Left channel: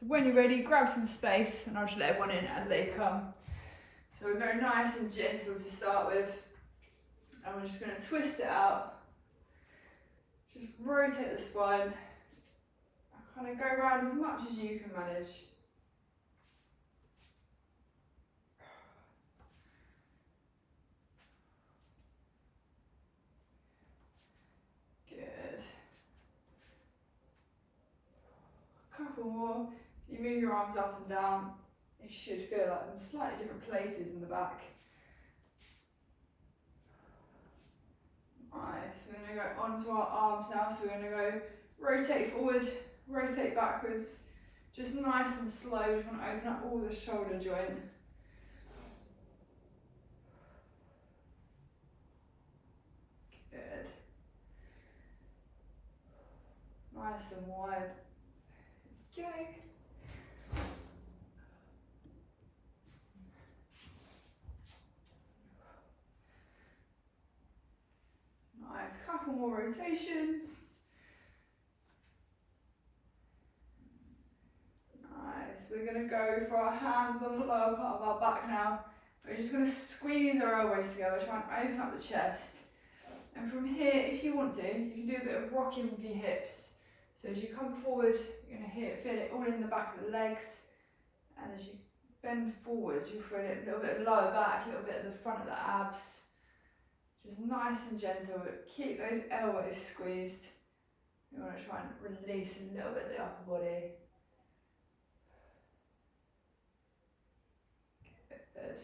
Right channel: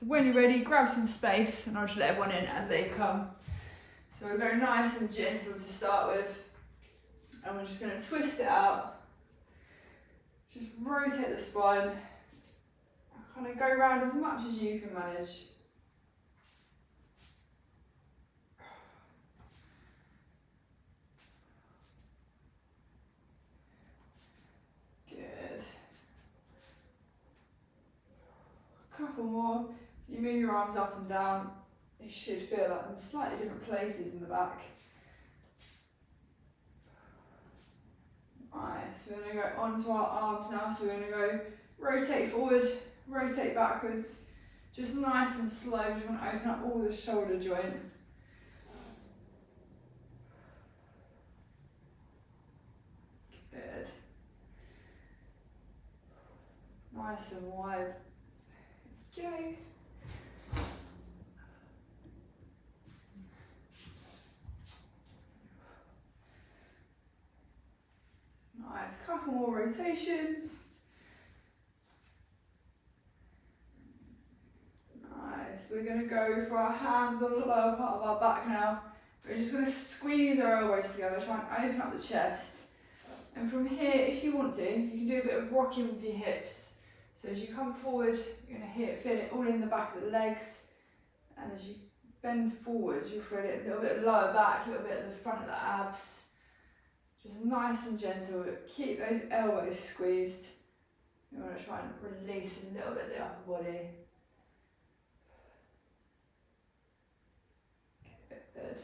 So when you're ready, grab some space and I'll just let everyone in as they come. So we're going nice and gentle to start with. And we're just going to twist it out. Just rotate the spine. Kind of go around as much as you can manage. Good. A couple more. If you move your arms up and down, you should feel like in slightly different places in the back. Nice. We're going to go onto our arms now. So we're going to go rotate forward, rotate backwards. Just nice and slow. We just want to open up all the shoulder joint. Good. Nice and wide. Go. Nice. Couple more rotations. Nice. We're going to go for our hands on the lower part of our back now. We're just going to squeeze our elbows together, try and open up the chest. And from here, if you want to, you can do a bit of rocking with your hips. So as you come forward, you're going to feel it all in the back of the legs. And as you bend forwards, you'll feel it a little bit lower back, a little bit at the front of the abs. Just nice and gentle. Keep those elbows squeezed. You want to try and release a little bit of the upper body. Good.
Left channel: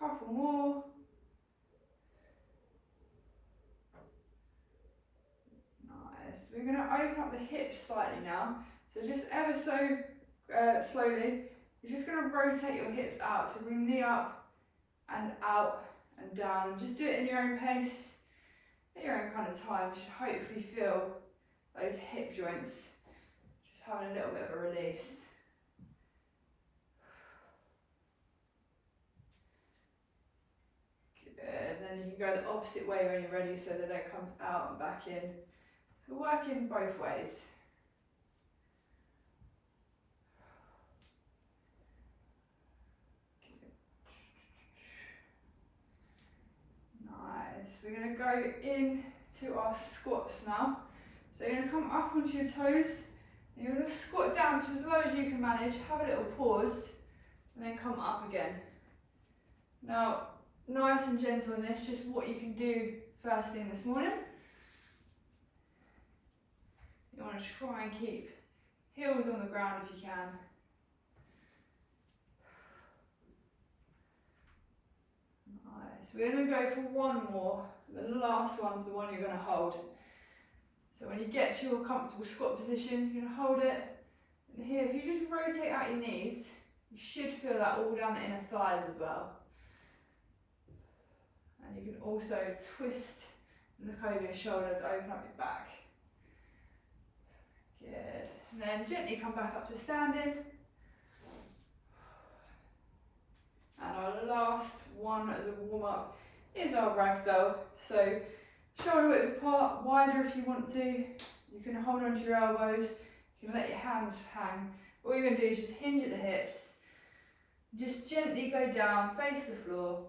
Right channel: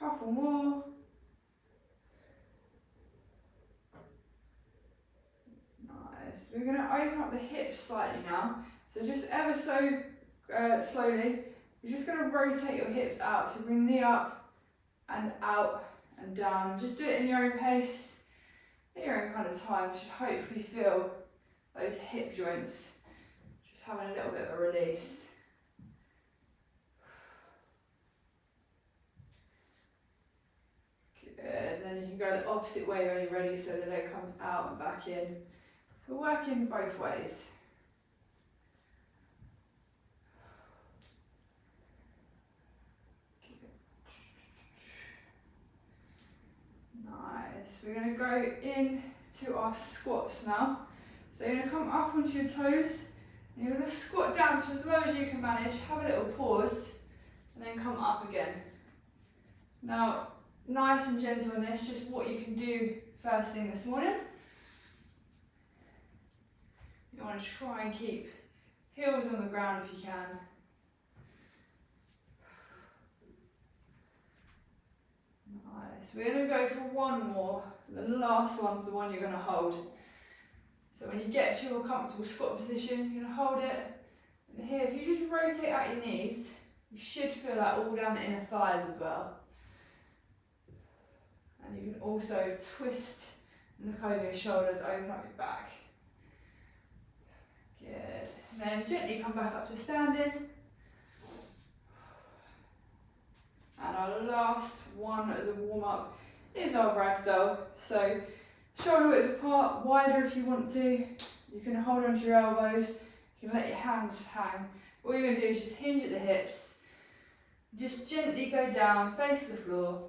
Couple more. Nice. We're going to open up the hips slightly now. So just ever so slowly, you're just going to rotate your hips out. So bring the knee up and out and down. And just do it in your own pace, at your own kind of time. You should hopefully feel those hip joints just having a little bit of a release. Good. Then you can go the opposite way when you're ready, so the leg comes out and back in. So working both ways. Nice. We're going to go in to our squats now. So you're going to come up onto your toes and you're going to squat down to as low as you can manage. Have a little pause and then come up again. Now, nice and gentle in this, just what you can do first thing this morning. You want to try and keep heels on the ground if you can. Nice. We're going to go for one more. The last one's the one you're going to hold. So when you get to your comfortable squat position, you're going to hold it. And here, if you just rotate out your knees, you should feel that all down the inner thighs as well. And you can also twist and look over your shoulders, open up your back. Good. And then gently come back up to standing. And our last one as a warm up is our ragdoll. So shoulder width apart, wider if you want to. You can hold onto your elbows. You can let your hands hang. All you're going to do is just hinge at the hips. Just gently go down, face the floor.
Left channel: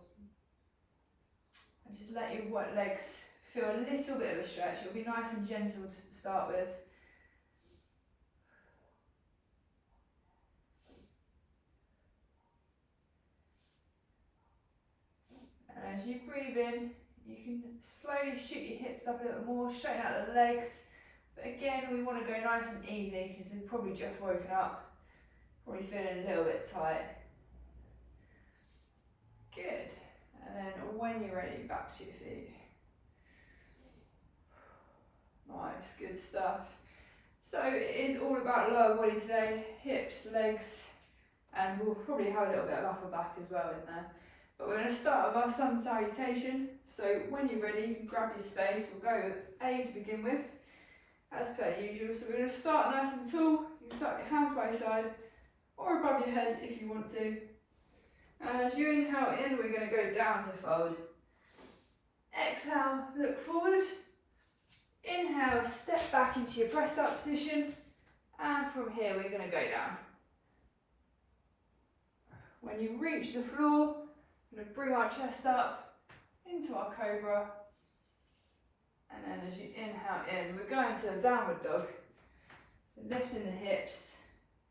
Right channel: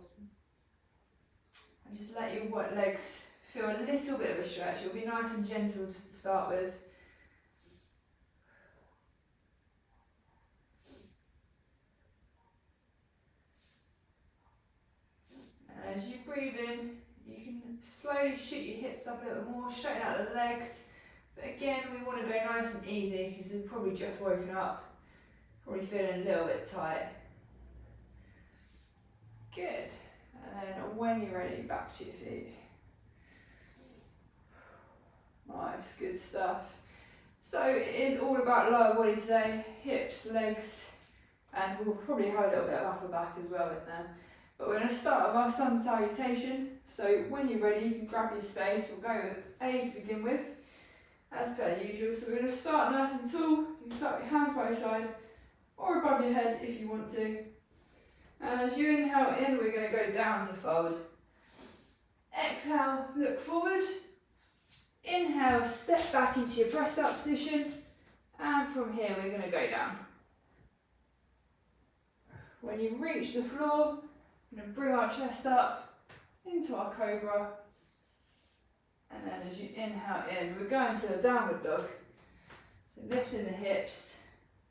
And just let your legs feel a little bit of a stretch. It'll be nice and gentle to start with. And as you breathe in, you can slowly shoot your hips up a little more, straighten out the legs. But again, we want to go nice and easy because you've probably just woken up, probably feeling a little bit tight. Good. And then when you're ready, back to your feet. Nice, good stuff. So it is all about lower body today, hips, legs, and we'll probably have a little bit of upper back as well in there. But we're going to start with our sun salutation. So when you're ready, you can grab your space. We'll go with A to begin with, as per usual. So we're going to start nice and tall. You can start with your hands by your side or above your head if you want to. And as you inhale in, we're going to go down to fold. Exhale, look forward. Inhale, step back into your press up position, and from here we're going to go down. When you reach the floor, we're going to bring our chest up into our cobra, and then as you inhale in, we're going to a downward dog. So lifting the hips,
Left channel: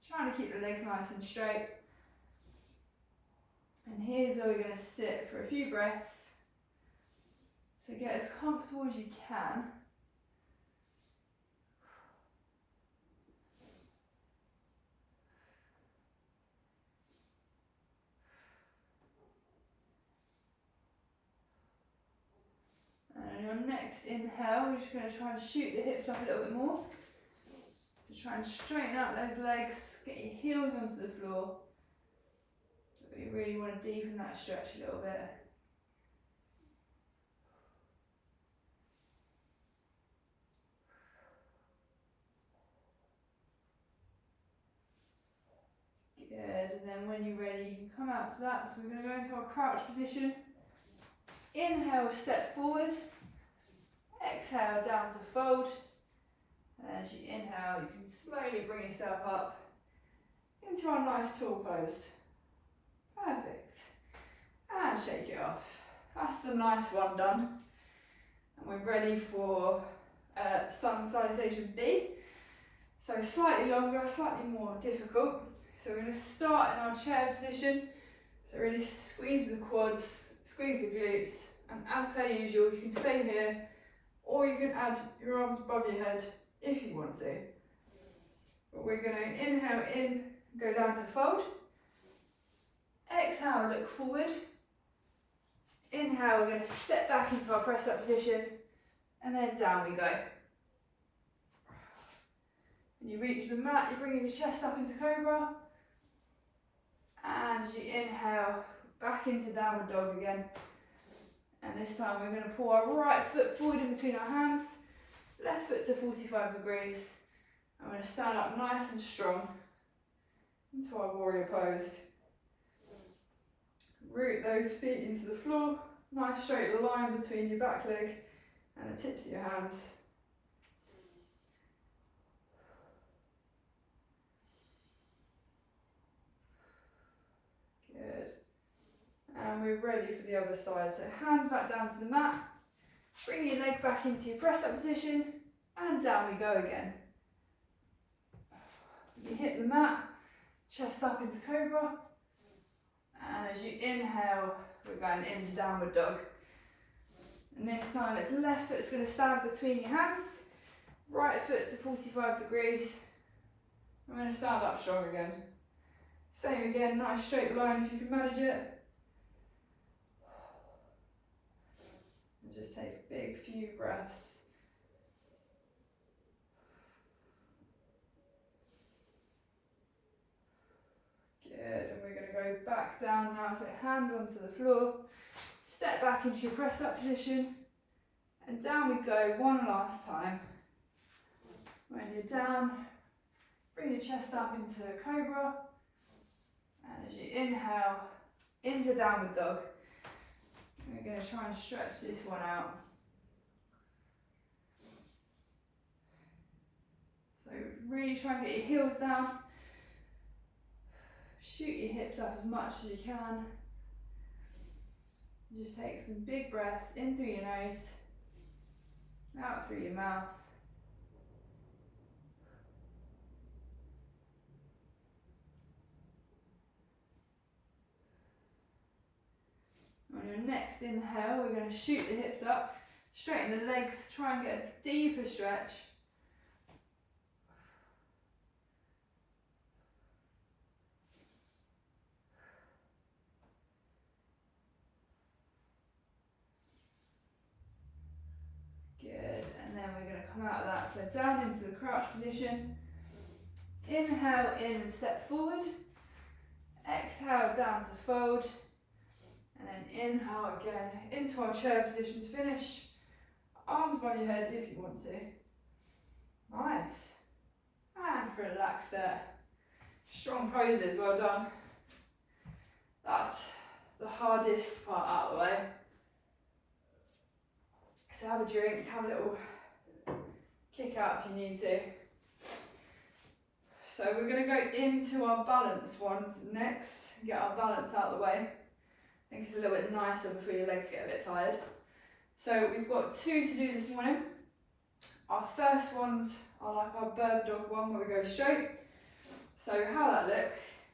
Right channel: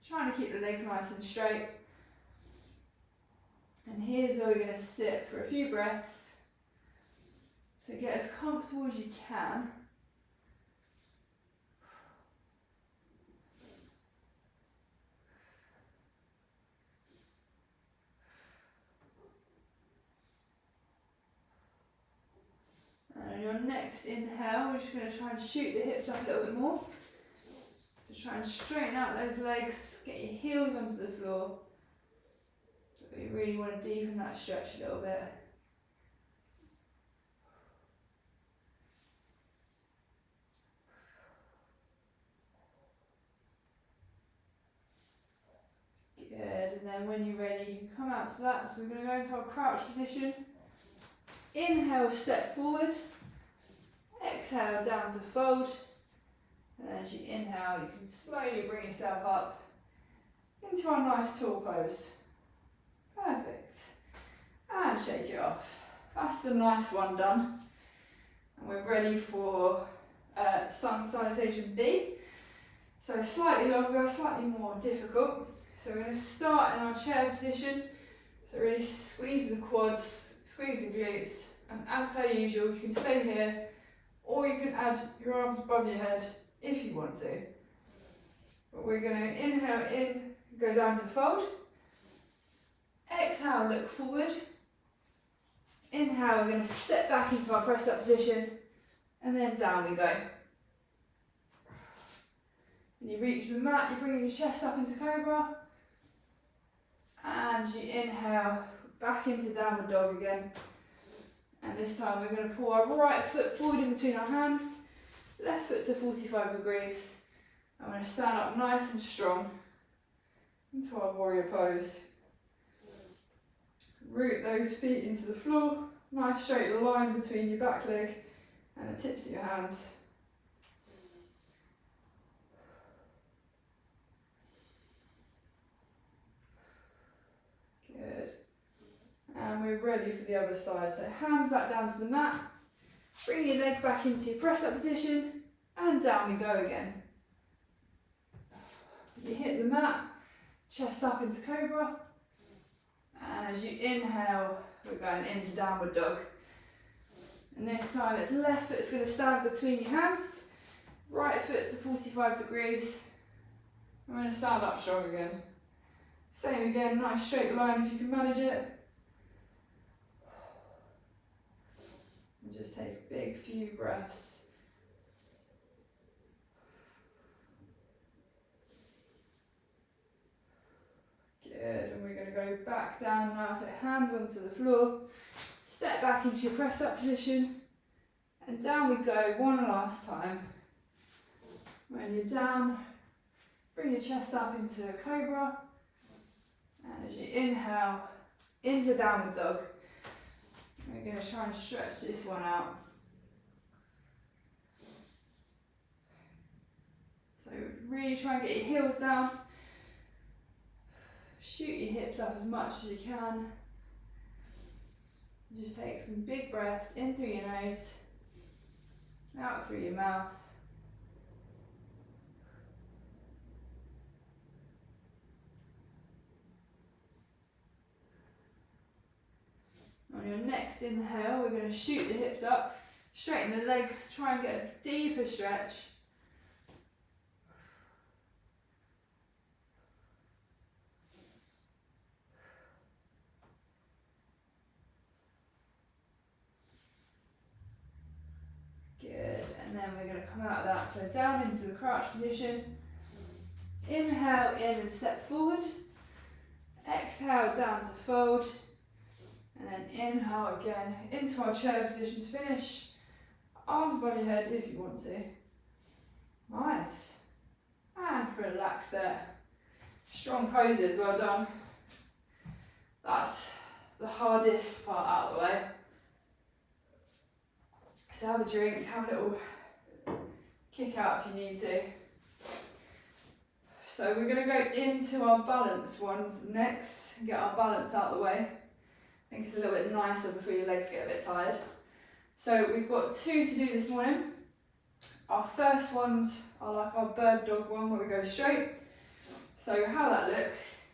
trying to keep the legs nice and straight. And here's where we're going to sit for a few breaths. So get as comfortable as you can. And on your next inhale, we're just going to try and shoot the hips up a little bit more. So try and straighten out those legs, get your heels onto the floor. But you really want to deepen that stretch a little bit. Good, and then when you're ready, you can come out to that. So we're going to go into our crouch position. Inhale, step forward. Exhale, down to fold. And as you inhale, you can slowly bring yourself up into our nice tall pose. Perfect. And shake it off. That's the nice one done. And we're ready for sun salutation B. So slightly longer, slightly more difficult. So we're going to start in our chair position. So really squeeze the quads, squeeze the glutes. And as per usual, you can stay here, or you can add your arms above your head if you want to. But we're going to inhale in, go down to fold. Exhale, look forward. Inhale, we're going to step back into our press up position, and then down we go. When you reach the mat, you're bringing your chest up into cobra, and you inhale back into downward dog again. And this time we're going to pull our right foot forward in between our hands, left foot to 45 degrees. I'm going to stand up nice and strong into our warrior pose. Root those feet into the floor, nice straight line between your back leg and the tips of your hands. Good. And we're ready for the other side. So hands back down to the mat, bring your leg back into your press up position, and down we go again. You hit the mat, chest up into cobra, and as you inhale, we're going into downward dog. And this time it's left foot's going to stand between your hands, right foot to 45 degrees. We're going to stand up strong again. Same again, nice straight line if you can manage it. And just take a big few breaths. Good, and we're going to go back down now, so hands onto the floor, step back into your press up position, and down we go one last time. When you're down, bring your chest up into cobra, and as you inhale, into downward dog. We're going to try and stretch this one out. So really try and get your heels down. Shoot your hips up as much as you can. Just take some big breaths in through your nose, out through your mouth. On your next inhale, we're going to shoot the hips up, straighten the legs, try and get a deeper stretch. Good, and then we're going to come out of that, so down into the crouch position. Inhale in and step forward. Exhale down to fold. And then inhale again into our chair position to finish. Arms by your head if you want to. Nice. And relax there. Strong poses, well done. That's the hardest part out of the way. So have a drink, have a little kick out if you need to. So we're going to go into our balance ones next and get our balance out of the way. I think it's a little bit nicer before your legs get a bit tired. So we've got 2 to do this morning. Our first ones are like our bird dog one where we go straight. So how that looks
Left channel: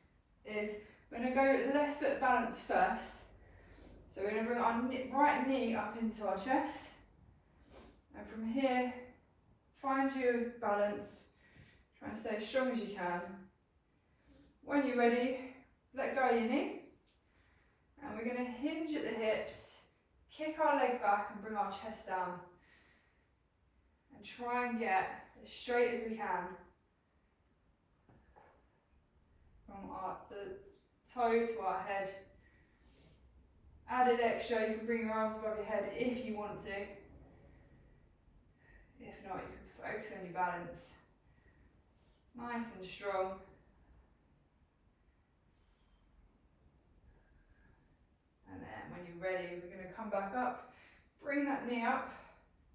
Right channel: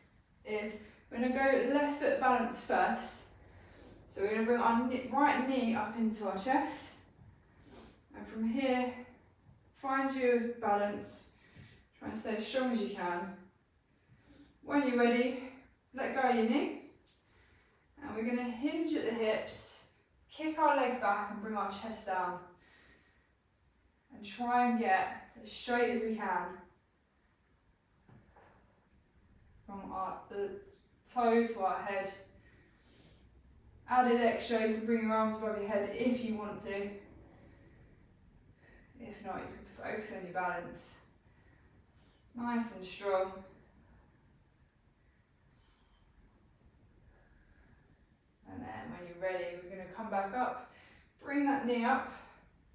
is we're going to go left foot balance first. So we're going to bring our right knee up into our chest. And from here, find your balance, trying to stay as strong as you can. When you're ready, let go of your knee. And we're going to hinge at the hips, kick our leg back and bring our chest down. And try and get as straight as we can. From the toes to our head. Added extra, you can bring your arms above your head if you want to. If not, you can focus on your balance. Nice and strong. And then when you're ready, we're going to come back up. Bring that knee up,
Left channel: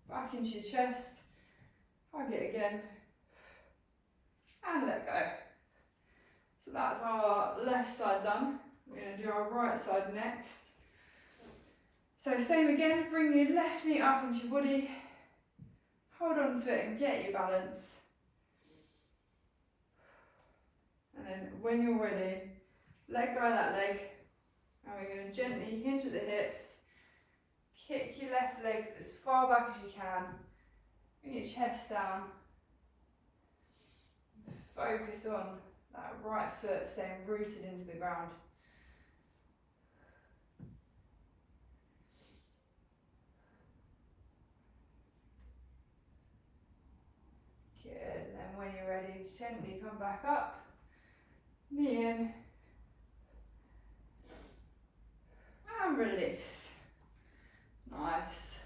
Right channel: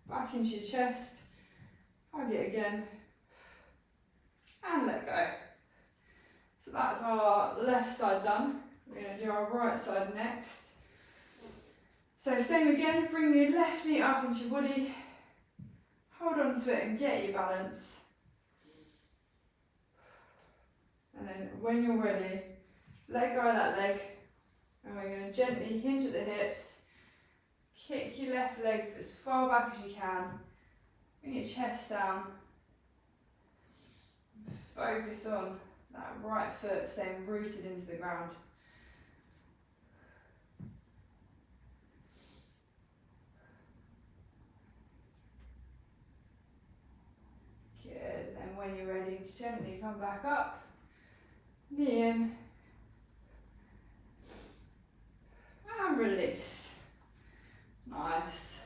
back into your chest. Hug it again. And let go. So that's our left side done. We're going to do our right side next. So same again, bring your left knee up into your body. Hold on to it and get your balance. And then when you're ready, let go of that leg. And we're going to gently hinge at the hips. Kick your left leg as far back as you can. Bring your chest down. Focus on that right foot staying rooted into the ground. Good, and then when you're ready, gently come back up. Knee in. And release. Nice.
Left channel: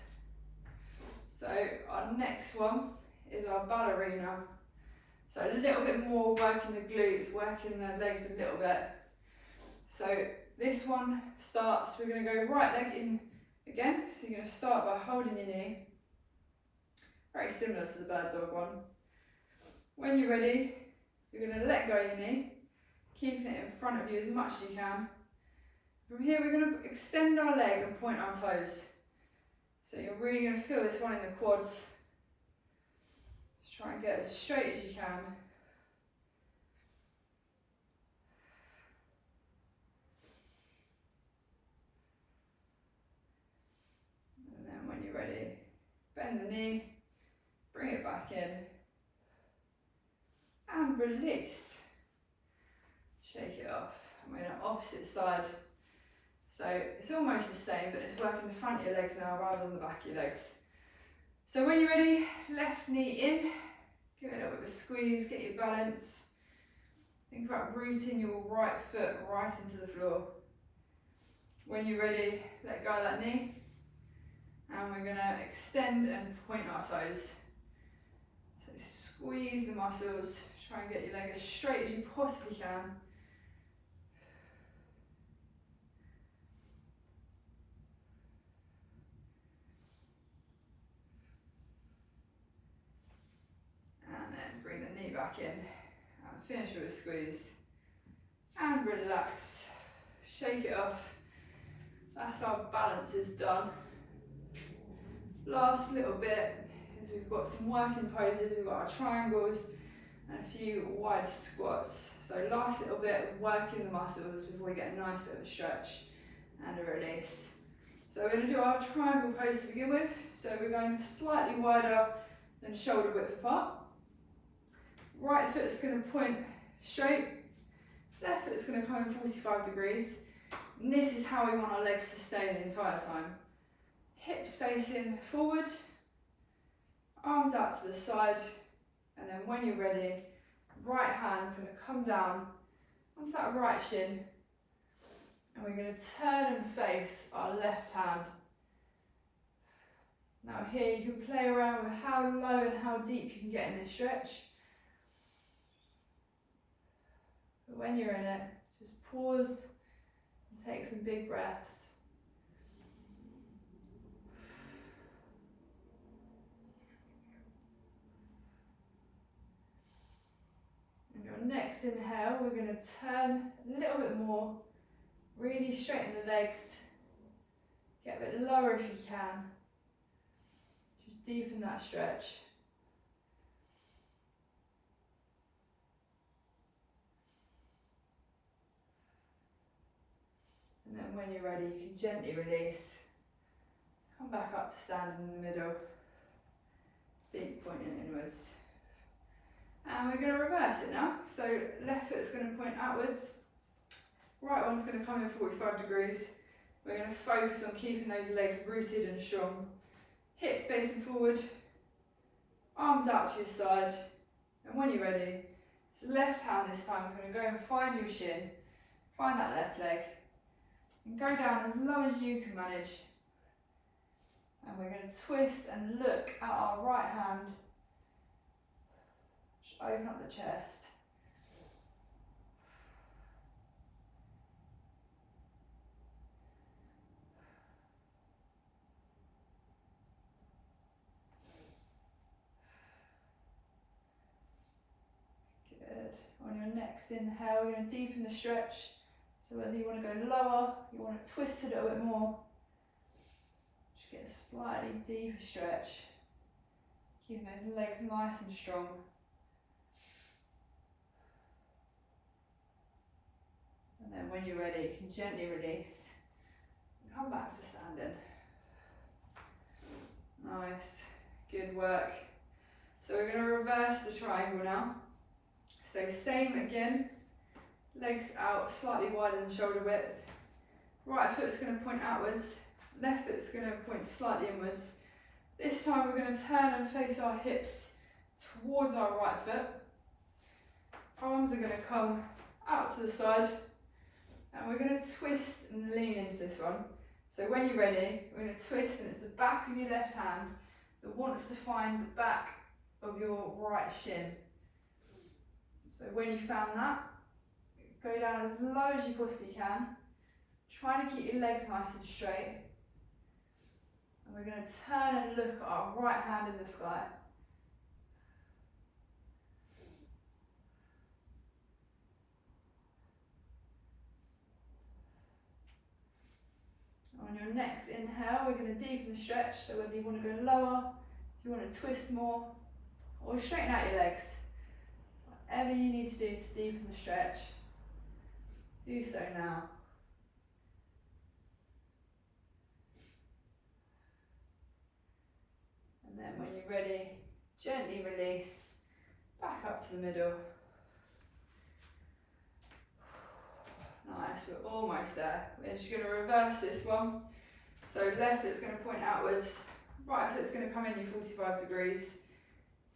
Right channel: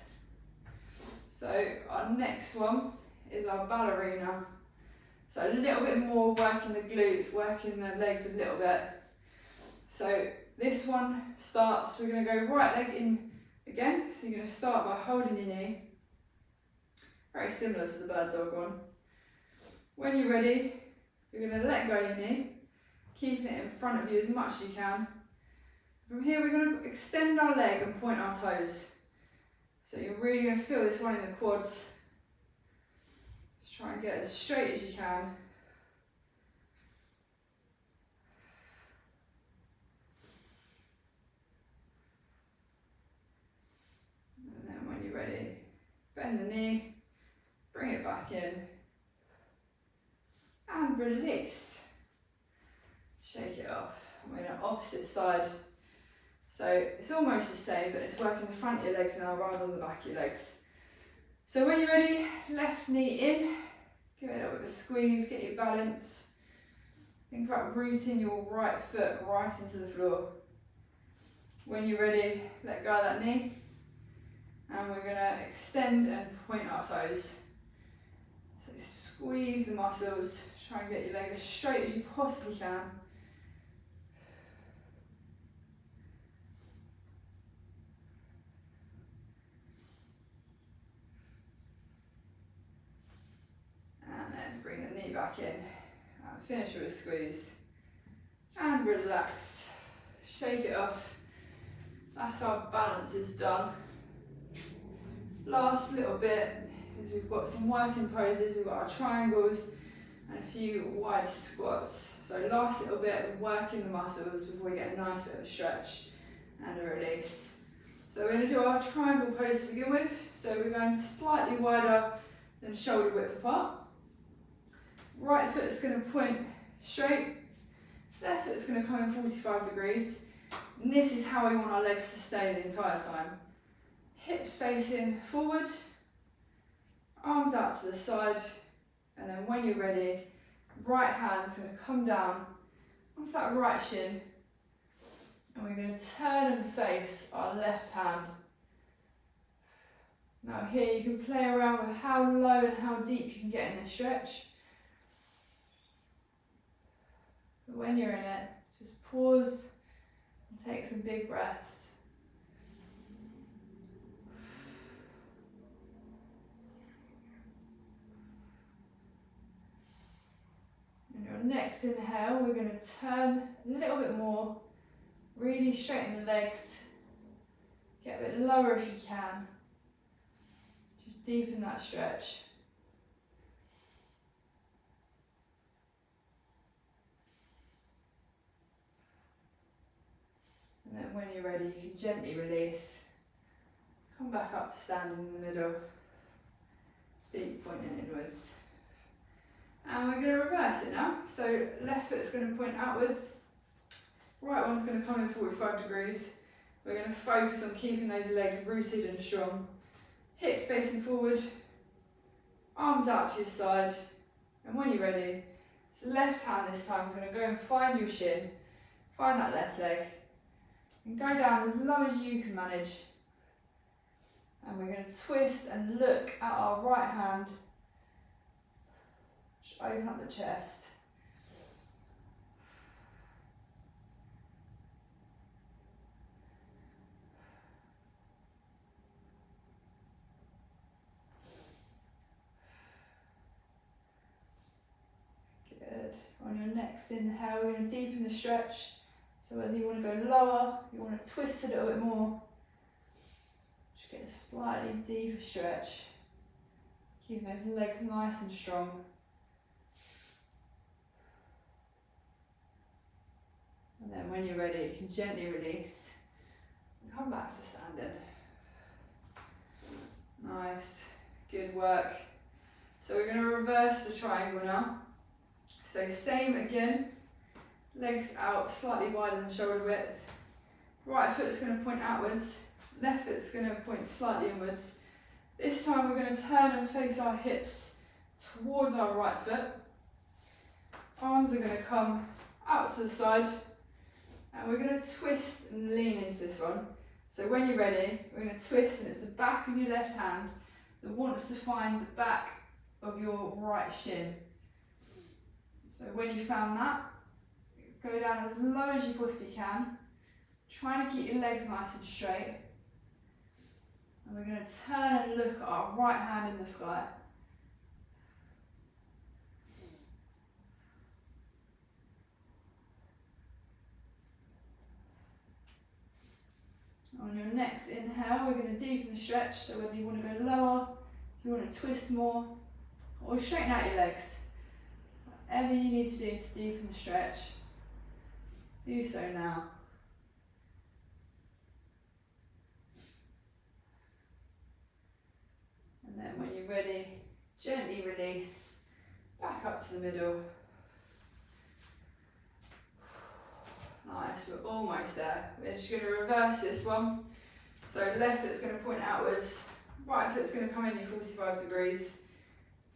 So our next one is our ballerina. So a little bit more working the glutes, working the legs a little bit. So this one starts, we're going to go right leg in again. So you're going to start by holding your knee. Very similar to the bird dog one. When you're ready, you're going to let go of your knee, keeping it in front of you as much as you can. From here, we're going to extend our leg and point our toes. So you're really going to feel this one in the quads. Just try and get as straight as you can. And then when you're ready, bend the knee, bring it back in, and release. Shake it off. And we're on the opposite side. So it's almost the same, but it's working the front of your legs now rather than the back of your legs. So when you're ready, left knee in, give it a little bit of a squeeze, get your balance. Think about rooting your right foot right into the floor. When you're ready, let go of that knee. And we're going to extend and point our toes. So squeeze the muscles, try and get your leg as straight as you possibly can. And then bring the knee back in and finish with a squeeze. And relax, shake it off. That's our balance is done. Last little bit is we've got some working poses, we've got our triangles and a few wide squats. So last little bit, we're working the muscles before we get a nice bit of a stretch and a release. So we're going to do our triangle pose to begin with. So we're going slightly wider than shoulder width apart. Right foot is going to point straight, left foot is going to come in 45 degrees. And this is how we want our legs to stay the entire time. Hips facing forward, arms out to the side, and then when you're ready, right hand's going to come down onto that right shin, and we're going to turn and face our left hand. Now here you can play around with how low and how deep you can get in this stretch. But when you're in it, just pause and take some big breaths. next inhale, we're going to turn a little bit more, really straighten the legs, get a bit lower if you can, just deepen that stretch. And then when you're ready, you can gently release, come back up to standing in the middle, feet pointing inwards. And we're going to reverse it now. So left foot's going to point outwards, right one's going to come in 45 degrees. We're going to focus on keeping those legs rooted and strong. Hips facing forward, arms out to your side. And when you're ready, so left hand this time is going to go and find your shin, find that left leg, and go down as low as you can manage. And we're going to twist and look at our right hand. Just open up the chest. Good. On your next inhale, we're going to deepen the stretch. So whether you want to go lower, you want to twist a little bit more, just get a slightly deeper stretch. Keeping those legs nice and strong. And then when you're ready, you can gently release and come back to standing. Nice, good work. So we're going to reverse the triangle now. So same again, legs out slightly wider than shoulder width. Right foot's going to point outwards, left foot's going to point slightly inwards. This time we're going to turn and face our hips towards our right foot. Arms are going to come out to the side, and we're going to twist and lean into this one. So when you're ready, we're going to twist, and it's the back of your left hand that wants to find the back of your right shin. So when you found that, go down as low as you possibly can, trying to keep your legs nice and straight. And we're going to turn and look at our right hand in the sky. On your next inhale, we're going to deepen the stretch, so whether you want to go lower, if you want to twist more, or straighten out your legs. Whatever you need to do to deepen the stretch, do so now. And then when you're ready, gently release, back up to the middle. Nice, we're almost there. We're just going to reverse this one. So left foot's going to point outwards, right foot's going to come in 45 degrees.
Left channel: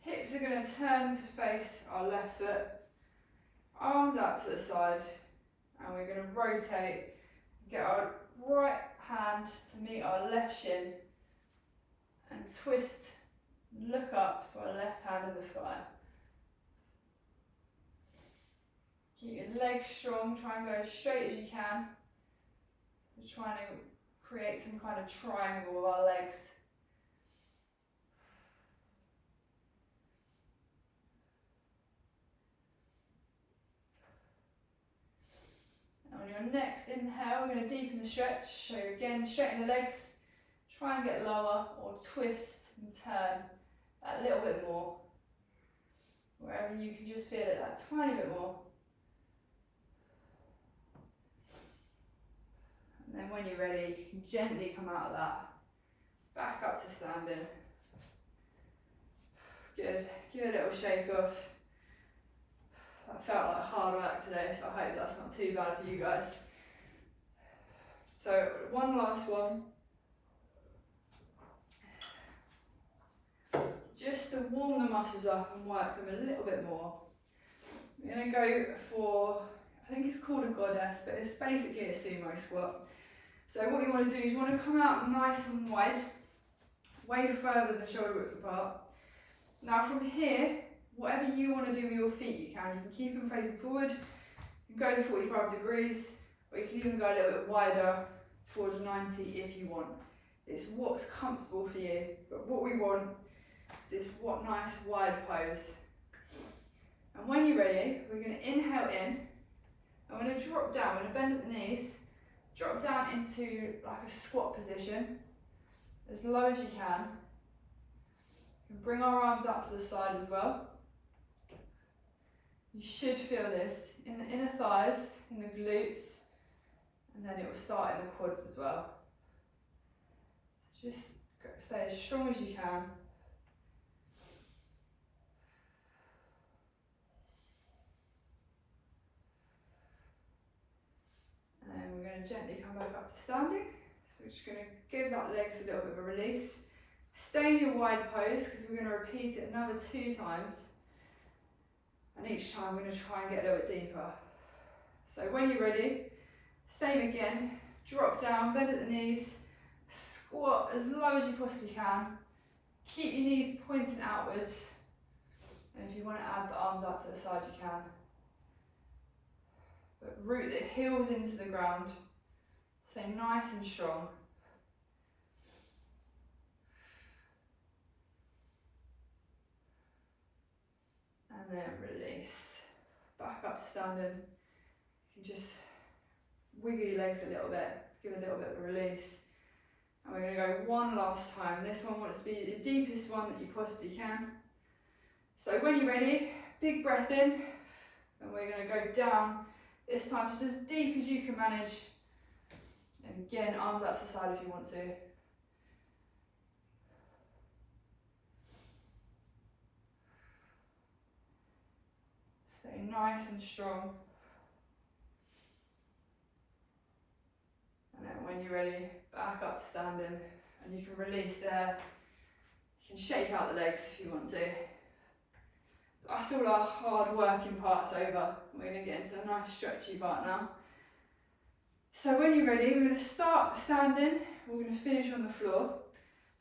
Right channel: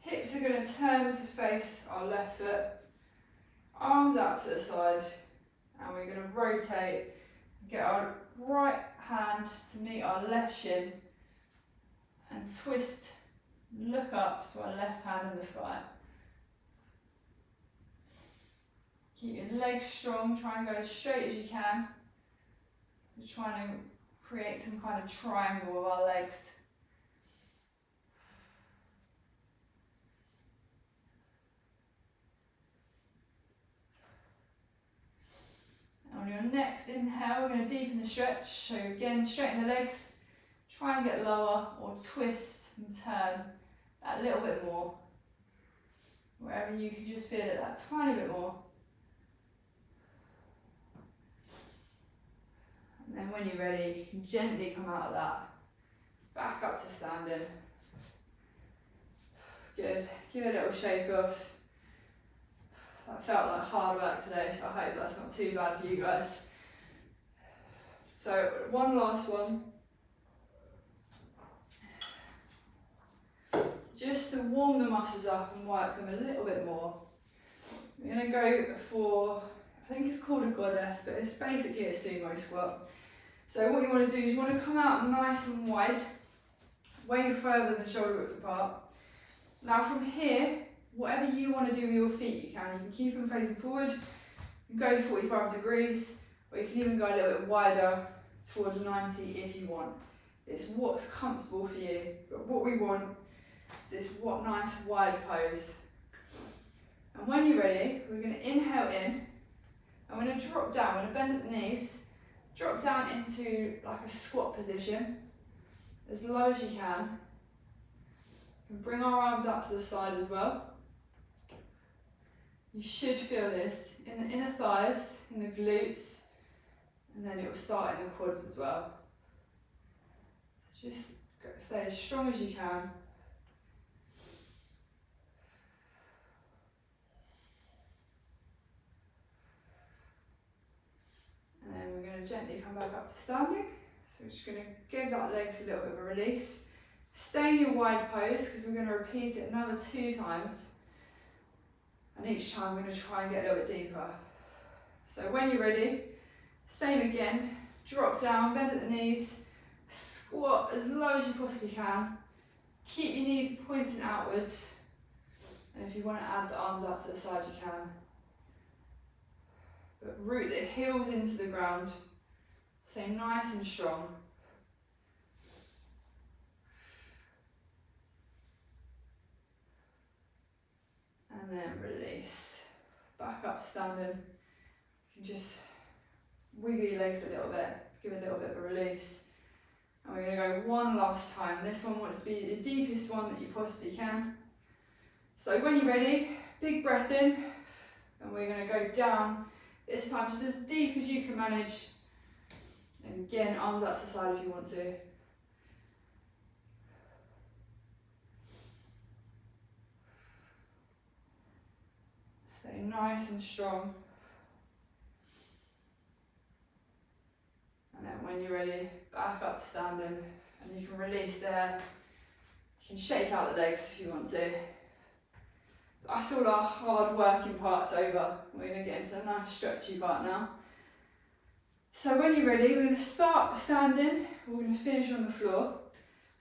Hips are going to turn to face our left foot, arms out to the side, and we're going to rotate, get our right hand to meet our left shin, and twist, look up to our left hand in the sky. Keep your legs strong, try and go as straight as you can. We're trying to create some kind of triangle with our legs. On your next inhale, we're going to deepen the stretch. So again, straighten the legs, try and get lower, or twist and turn that little bit more. Wherever you can just feel it that tiny bit more. And then when you're ready, you can gently come out of that, back up to standing. Good, give it a little shake off. That felt like hard work today, so I hope that's not too bad for you guys. So one last one. Just to warm the muscles up and work them a little bit more. We're going to go for, I think it's called a goddess, but it's basically a sumo squat. So what you want to do is you want to come out nice and wide, way further than shoulder width apart. Now from here, whatever you want to do with your feet, you can. You can keep them facing forward, you can go 45 degrees, or you can even go a little bit wider towards 90 if you want. It's what's comfortable for you, but what we want is this nice wide pose. And when when you're ready, we're going to inhale in. I'm going to drop down. I'm going to bend at the knees, drop down into like a squat position, as low as you can. And bring our arms out to the side as well. You should feel this in the inner thighs, in the glutes, and then it will start in the quads as well. Just stay as strong as you can. And then we're going to gently come back up to standing. So we're just going to give that legs a little bit of a release. Stay in your wide pose because we're going to repeat it another 2 times. And each time we're going to try and get a little bit deeper. So when you're ready, same again, drop down, bend at the knees, squat as low as you possibly can. Keep your knees pointing outwards. And if you want to add the arms out to the side, you can. But root the heels into the ground. Stay nice and strong. And then release. Back up to standing. You can just wiggle your legs a little bit. Give it a little bit of a release. And we're going to go one last time. This one wants to be the deepest one that you possibly can. So when you're ready, big breath in. And we're going to go down. This time just as deep as you can manage. And again, arms out to the side if you want to. Stay nice and strong. And then when you're ready, back up to standing. And you can release there. You can shake out the legs if you want to. That's all our hard working parts over. We're going to get into a nice stretchy part now. So when you're ready, we're going to start standing. We're going to finish on the floor.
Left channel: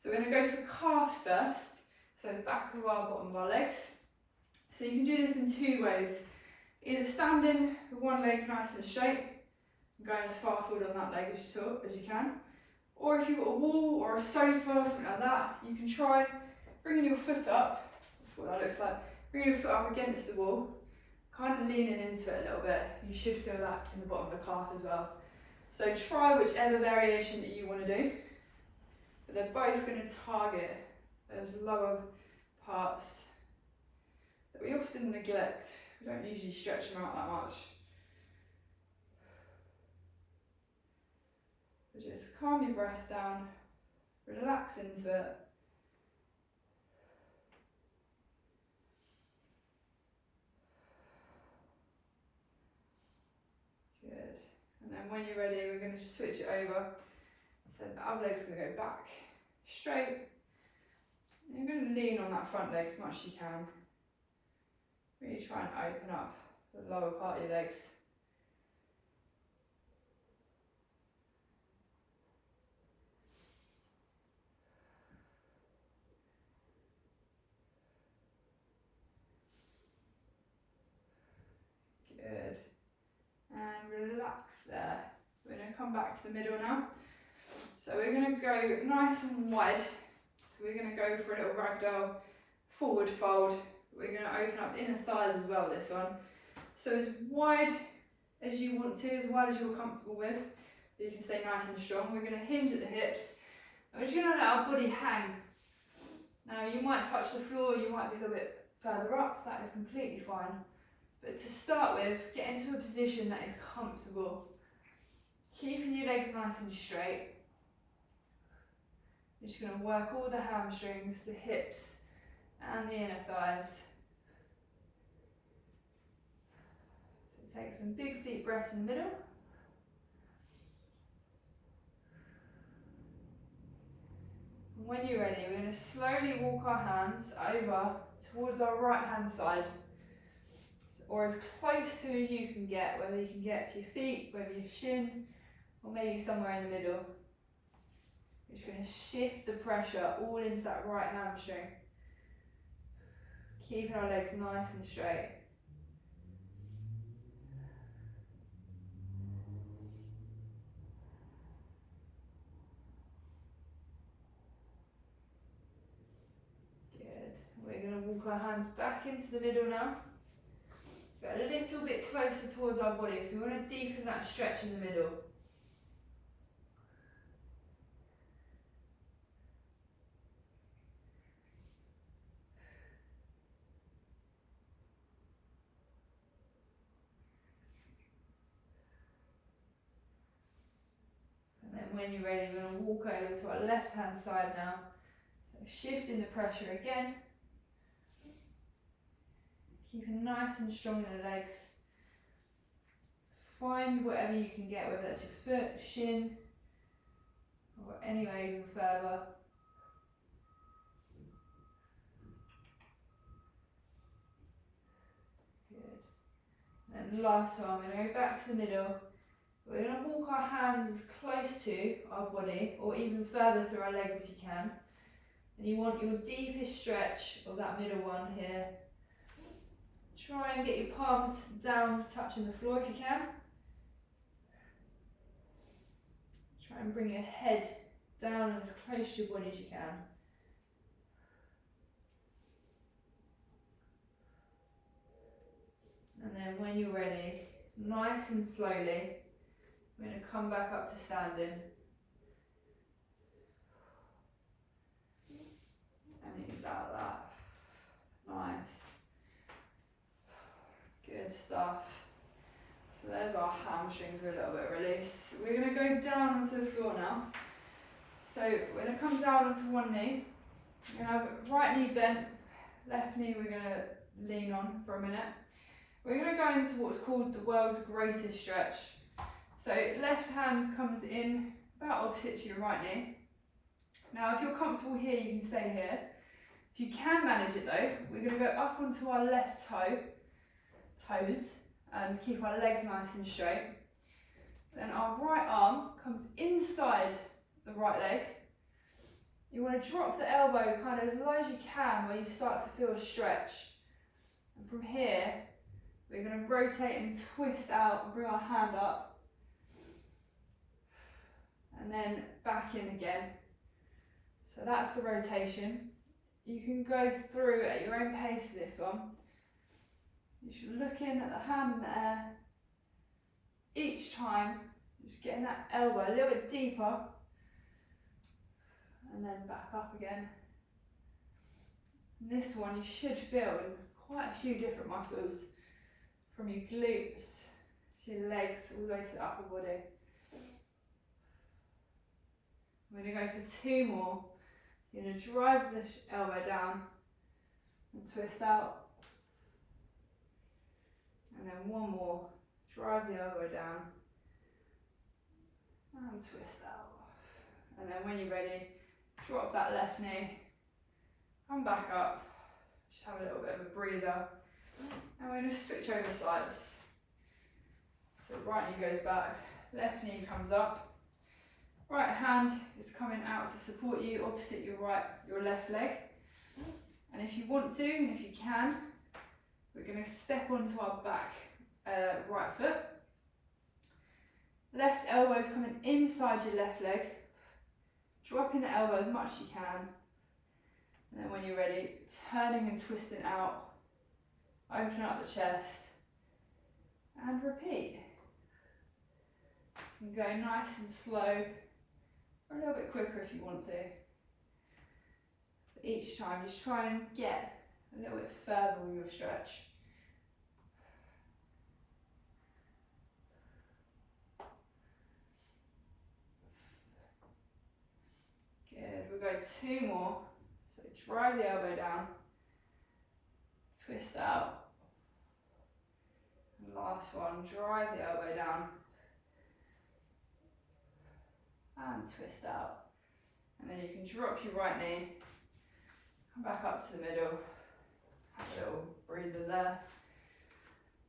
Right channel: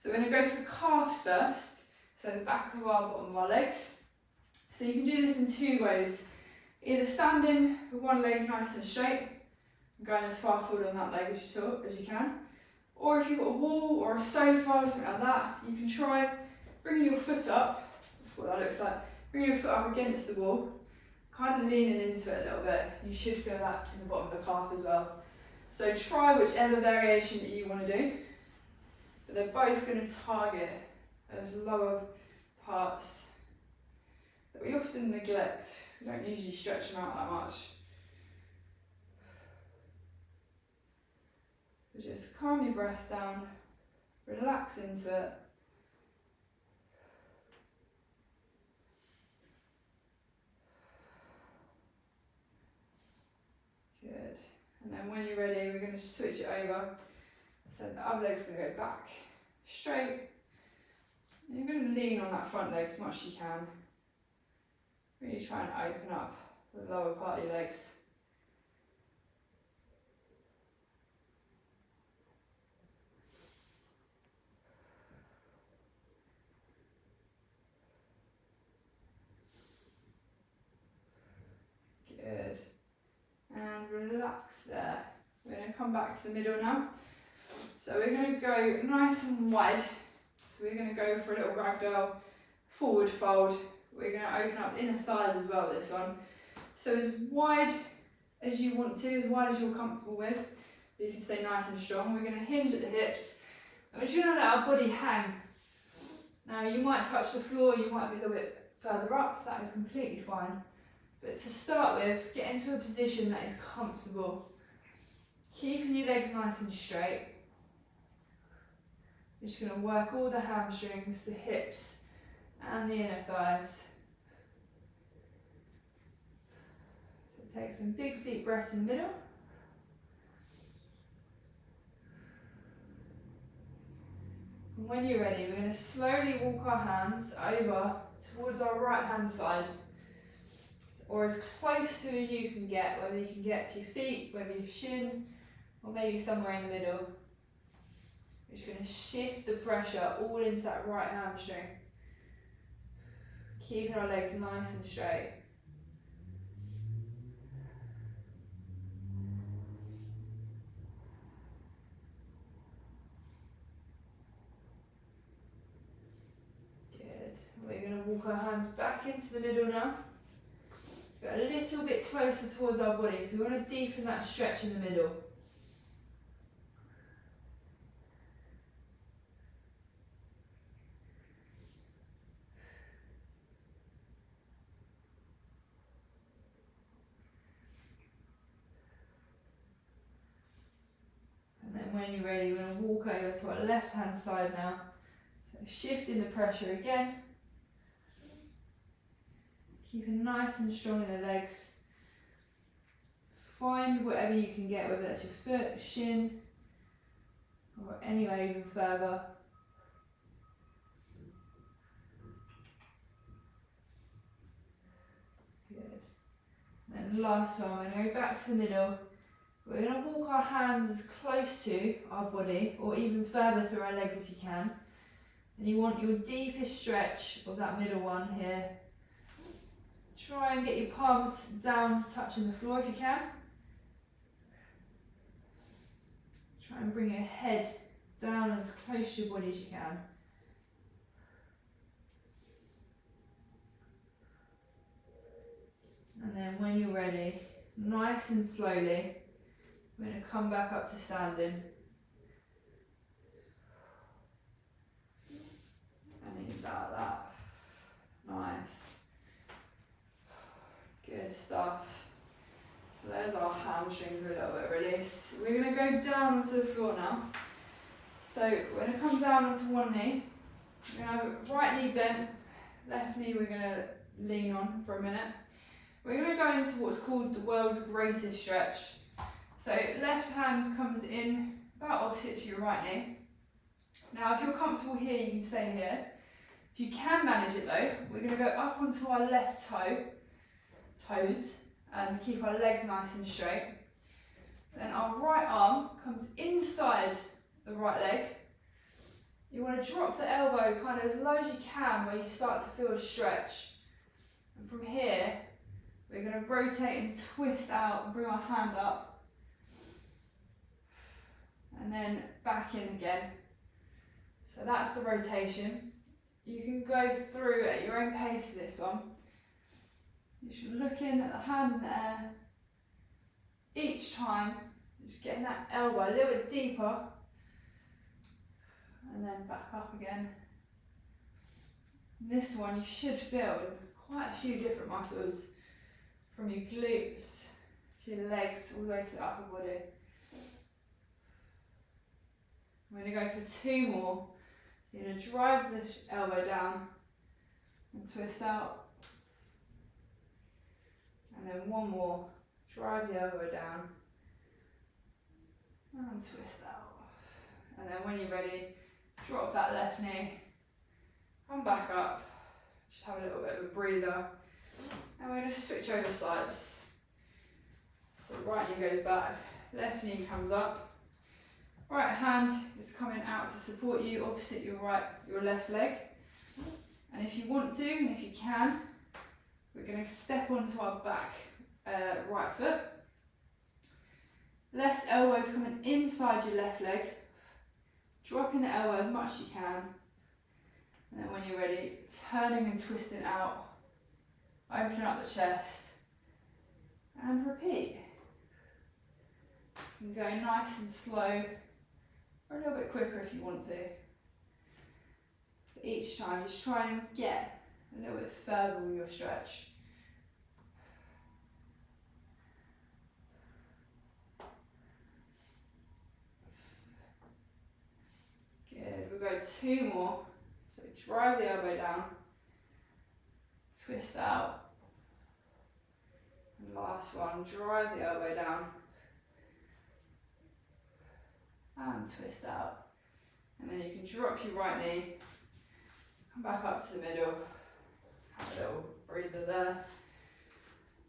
So we're going to go for calves first. So the back of our bottom of our legs. So you can do this in 2 ways. Either standing with one leg nice and straight, going as far forward on that leg as you can. Or if you've got a wall or a sofa or something like that, you can try bringing your foot up. That's what that looks like. Bring your foot up against the wall, kind of leaning into it a little bit. You should feel that in the bottom of the calf as well. So try whichever variation that you want to do. But they're both going to target those lower parts that we often neglect. We don't usually stretch them out that much. So just calm your breath down, relax into it. Good. And then when you're ready, we're going to switch it over. So the other leg's going to go back straight. And you're going to lean on that front leg as much as you can. Really try and open up the lower part of your legs. Good. And relax there. We're going to come back to the middle now. So we're going to go nice and wide. So we're going to go for a little ragdoll forward fold. We're going to open up the inner thighs as well this one. So as wide as you want to, as wide as you're comfortable with. You can stay nice and strong. We're going to hinge at the hips. And we're just going to let our body hang. Now you might touch the floor, you might be a little bit further up. That is completely fine. But to start with, get into a position that is comfortable. Keeping your legs nice and straight. You're just going to work all the hamstrings, the hips, and the inner thighs. So take some big deep breaths in the middle. And when you're ready, we're going to slowly walk our hands over towards our right hand side. Or as close to as you can get, whether you can get to your feet, whether your shin, or maybe somewhere in the middle. We're just going to shift the pressure all into that right hamstring. Keeping our legs nice and straight. Good. We're going to walk our hands back into the middle now. Go a little bit closer towards our body, so we want to deepen that stretch in the middle. And then when you're ready, we're going to walk over to our left hand side now. So shifting the pressure again. Keeping nice and strong in the legs. Find whatever you can get, whether that's your foot, shin, or anywhere even further. Good. And last one, we're going to go back to the middle. We're going to walk our hands as close to our body, or even further through our legs if you can. And you want your deepest stretch of that middle one here. Try and get your palms down, touching the floor if you can. Try and bring your head down and as close to your body as you can. And then when you're ready, nice and slowly, we're going to come back up to standing. And ease out of that. Nice. Good stuff. So there's our hamstrings with a little bit of release. We're going to go down onto the floor now. So we're going to come down onto one knee. We're going to have right knee bent, left knee we're going to lean on for a minute. We're going to go into what's called the world's greatest stretch. So left hand comes in about opposite to your right knee. Now if you're comfortable here, you can stay here. If you can manage it though, we're going to go up onto our left toes, and keep our legs nice and straight. Then our right arm comes inside the right leg. You want to drop the elbow kind of as low as you can where you start to feel a stretch. And from here, we're going to rotate and twist out and bring our hand up. And then back in again. So that's the rotation. You can go through at your own pace for this one. You're looking at the hand in the air. Each time, just getting that elbow a little bit deeper. And then back up again. And this one you should feel quite a few different muscles. From your glutes to your legs, all the way to the upper body. We're going to go for two more. So you're going to drive the elbow down and twist out. And then one more, drive the elbow down and twist out. And then when you're ready, drop that left knee, come back up, just have a little bit of a breather. And we're going to switch over sides. So right knee goes back, left knee comes up. Right hand is coming out to support you opposite your left leg. And if you want to, and if you can, we're going to step onto our back right foot. Left elbow is coming inside your left leg. Dropping the elbow as much as you can. And then when you're ready, turning and twisting out. Open up the chest. And repeat. You can go nice and slow, or a little bit quicker if you want to. But each time, just try and get a little bit further with your stretch. Good, we'll go two more. So drive the elbow down, twist out. And last one, drive the elbow down and twist out. And then you can drop your right knee, come back up to the middle, have a little breather there.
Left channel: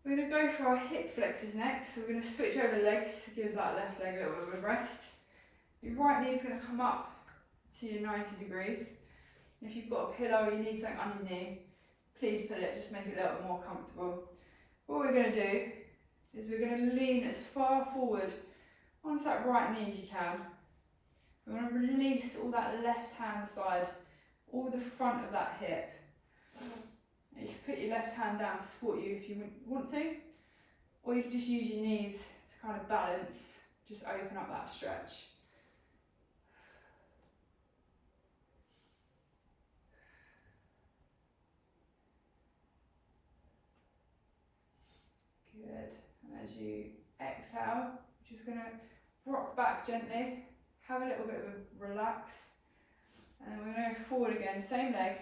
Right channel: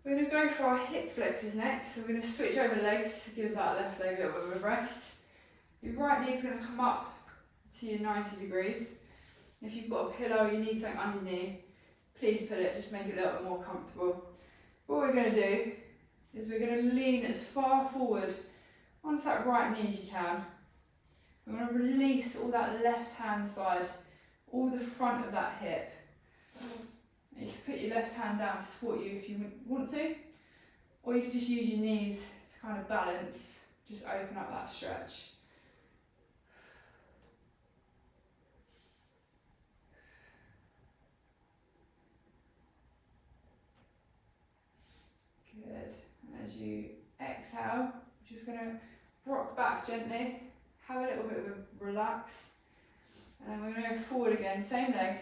We're going to go for our hip flexors next. So we're going to switch over legs to give that left leg a little bit of a rest. Your right knee is going to come up to your 90 degrees. If you've got a pillow, you need something on your knee, please put it, just make it a little bit more comfortable. What we're going to do is we're going to lean as far forward onto that right knee as you can. We're going to release all that left hand side, all the front of that hip. You can put your left hand down to support you if you want to, or you can just use your knees to kind of balance, just open up that stretch. Good. And as you exhale, just going to rock back gently, have a little bit of a relax, and then we're going to go forward again, same leg.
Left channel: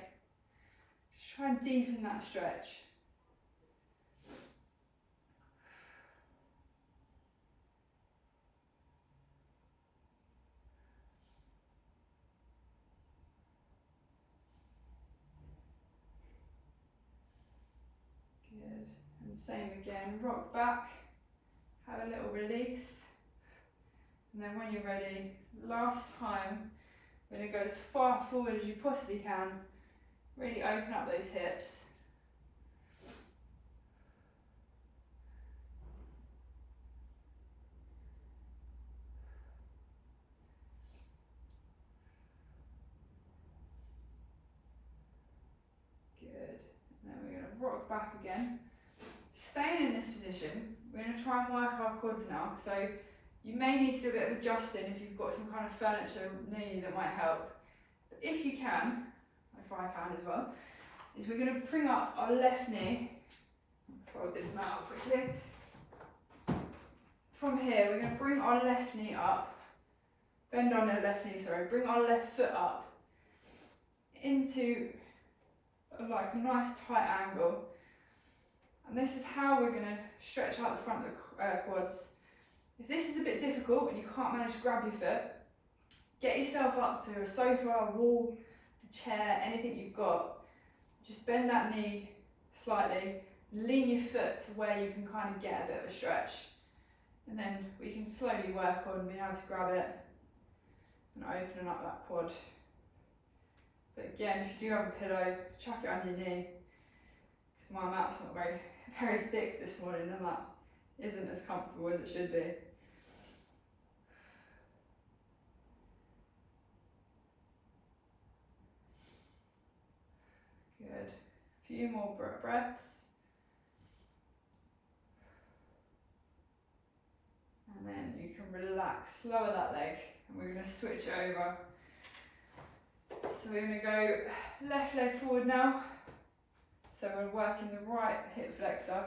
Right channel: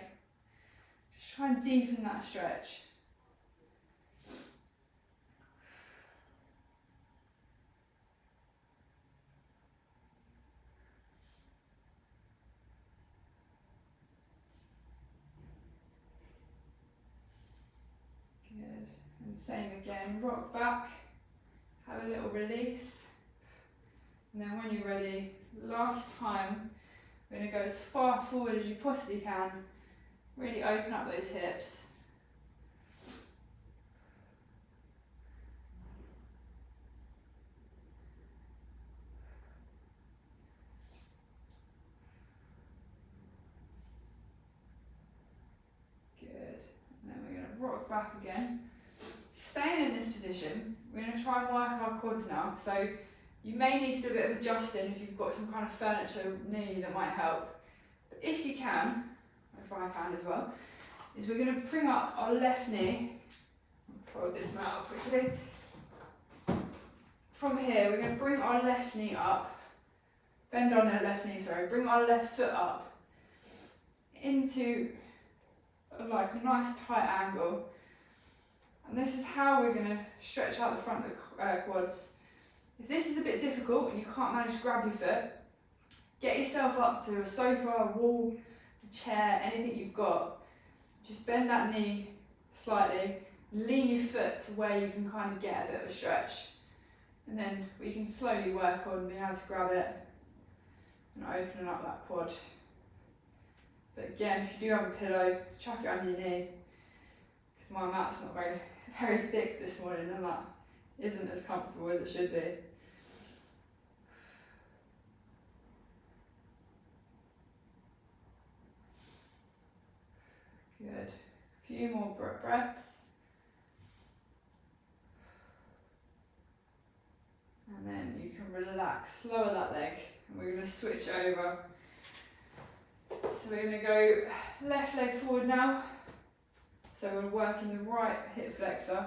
Just try and deepen that stretch. Good. And same again, rock back, have a little release. And then when you're ready, last time, we're going to go as far forward as you possibly can. Really open up those hips. Good. And then we're going to rock back again. Staying in this position, we're going to try and work our quads now. So you may need to do a bit of adjusting if you've got some kind of furniture near you that might help. But if you can, if I can as well, is we're going to bring up our left knee. Throw this out quickly. From here, we're going to bring our left knee up. Bend on our left knee, sorry. Bring our left foot up into like a nice tight angle. And this is how we're going to stretch out the front of the quads. If this is a bit difficult and you can't manage to grab your foot, get yourself up to a sofa, a wall, a chair, anything you've got. Just bend that knee slightly, lean your foot to where you can kind of get a bit of a stretch. And then we can slowly work on being able to grab it and opening up that quad. But again, if you do have a pillow, chuck it under your knee, because my mat's not very thick this morning and that isn't as comfortable as it should be. Good. A few more breaths. And then you can relax, lower that leg, and we're going to switch over. So we're going to go left leg forward now. So we're working the right hip flexor.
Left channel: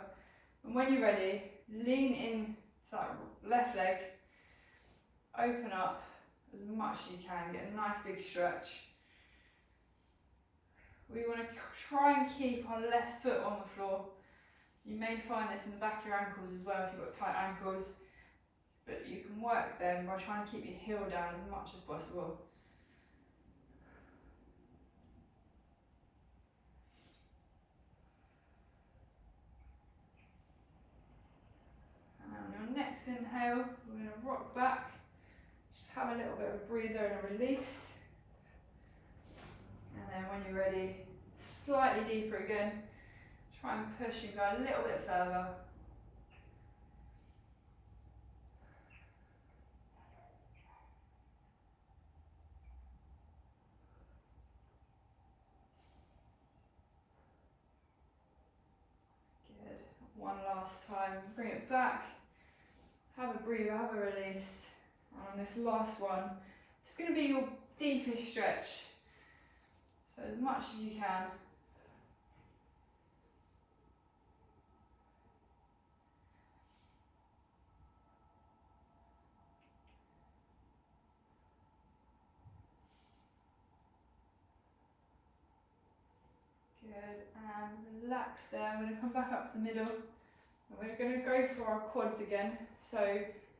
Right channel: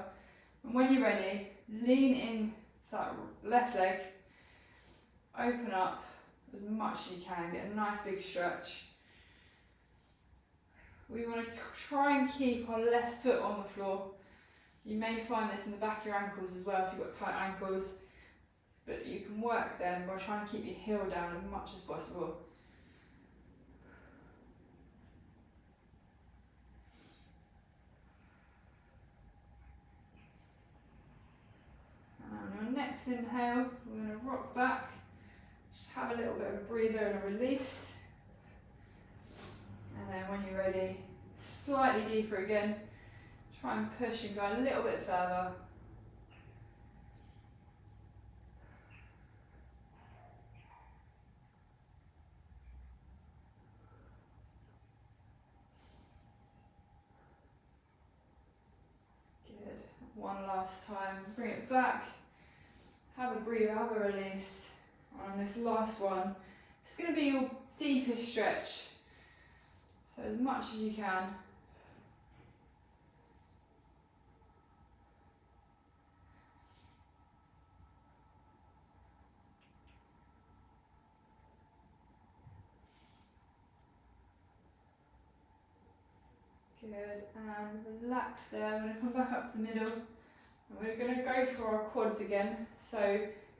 And when you're ready, lean in to that left leg, open up as much as you can, get a nice big stretch. We want to try and keep our left foot on the floor. You may find this in the back of your ankles as well if you've got tight ankles, but you can work them by trying to keep your heel down as much as possible. And on your next inhale, we're going to rock back, just have a little bit of a breather and a release. And then when you're ready, slightly deeper again, try and push and go a little bit further. Good. One last time, bring it back, have a breather, have a release. And on this last one, it's going to be your deepest stretch. So as much as you can. Good, and relax there. I'm going to come back up to the middle. And we're going to go for our quads again. So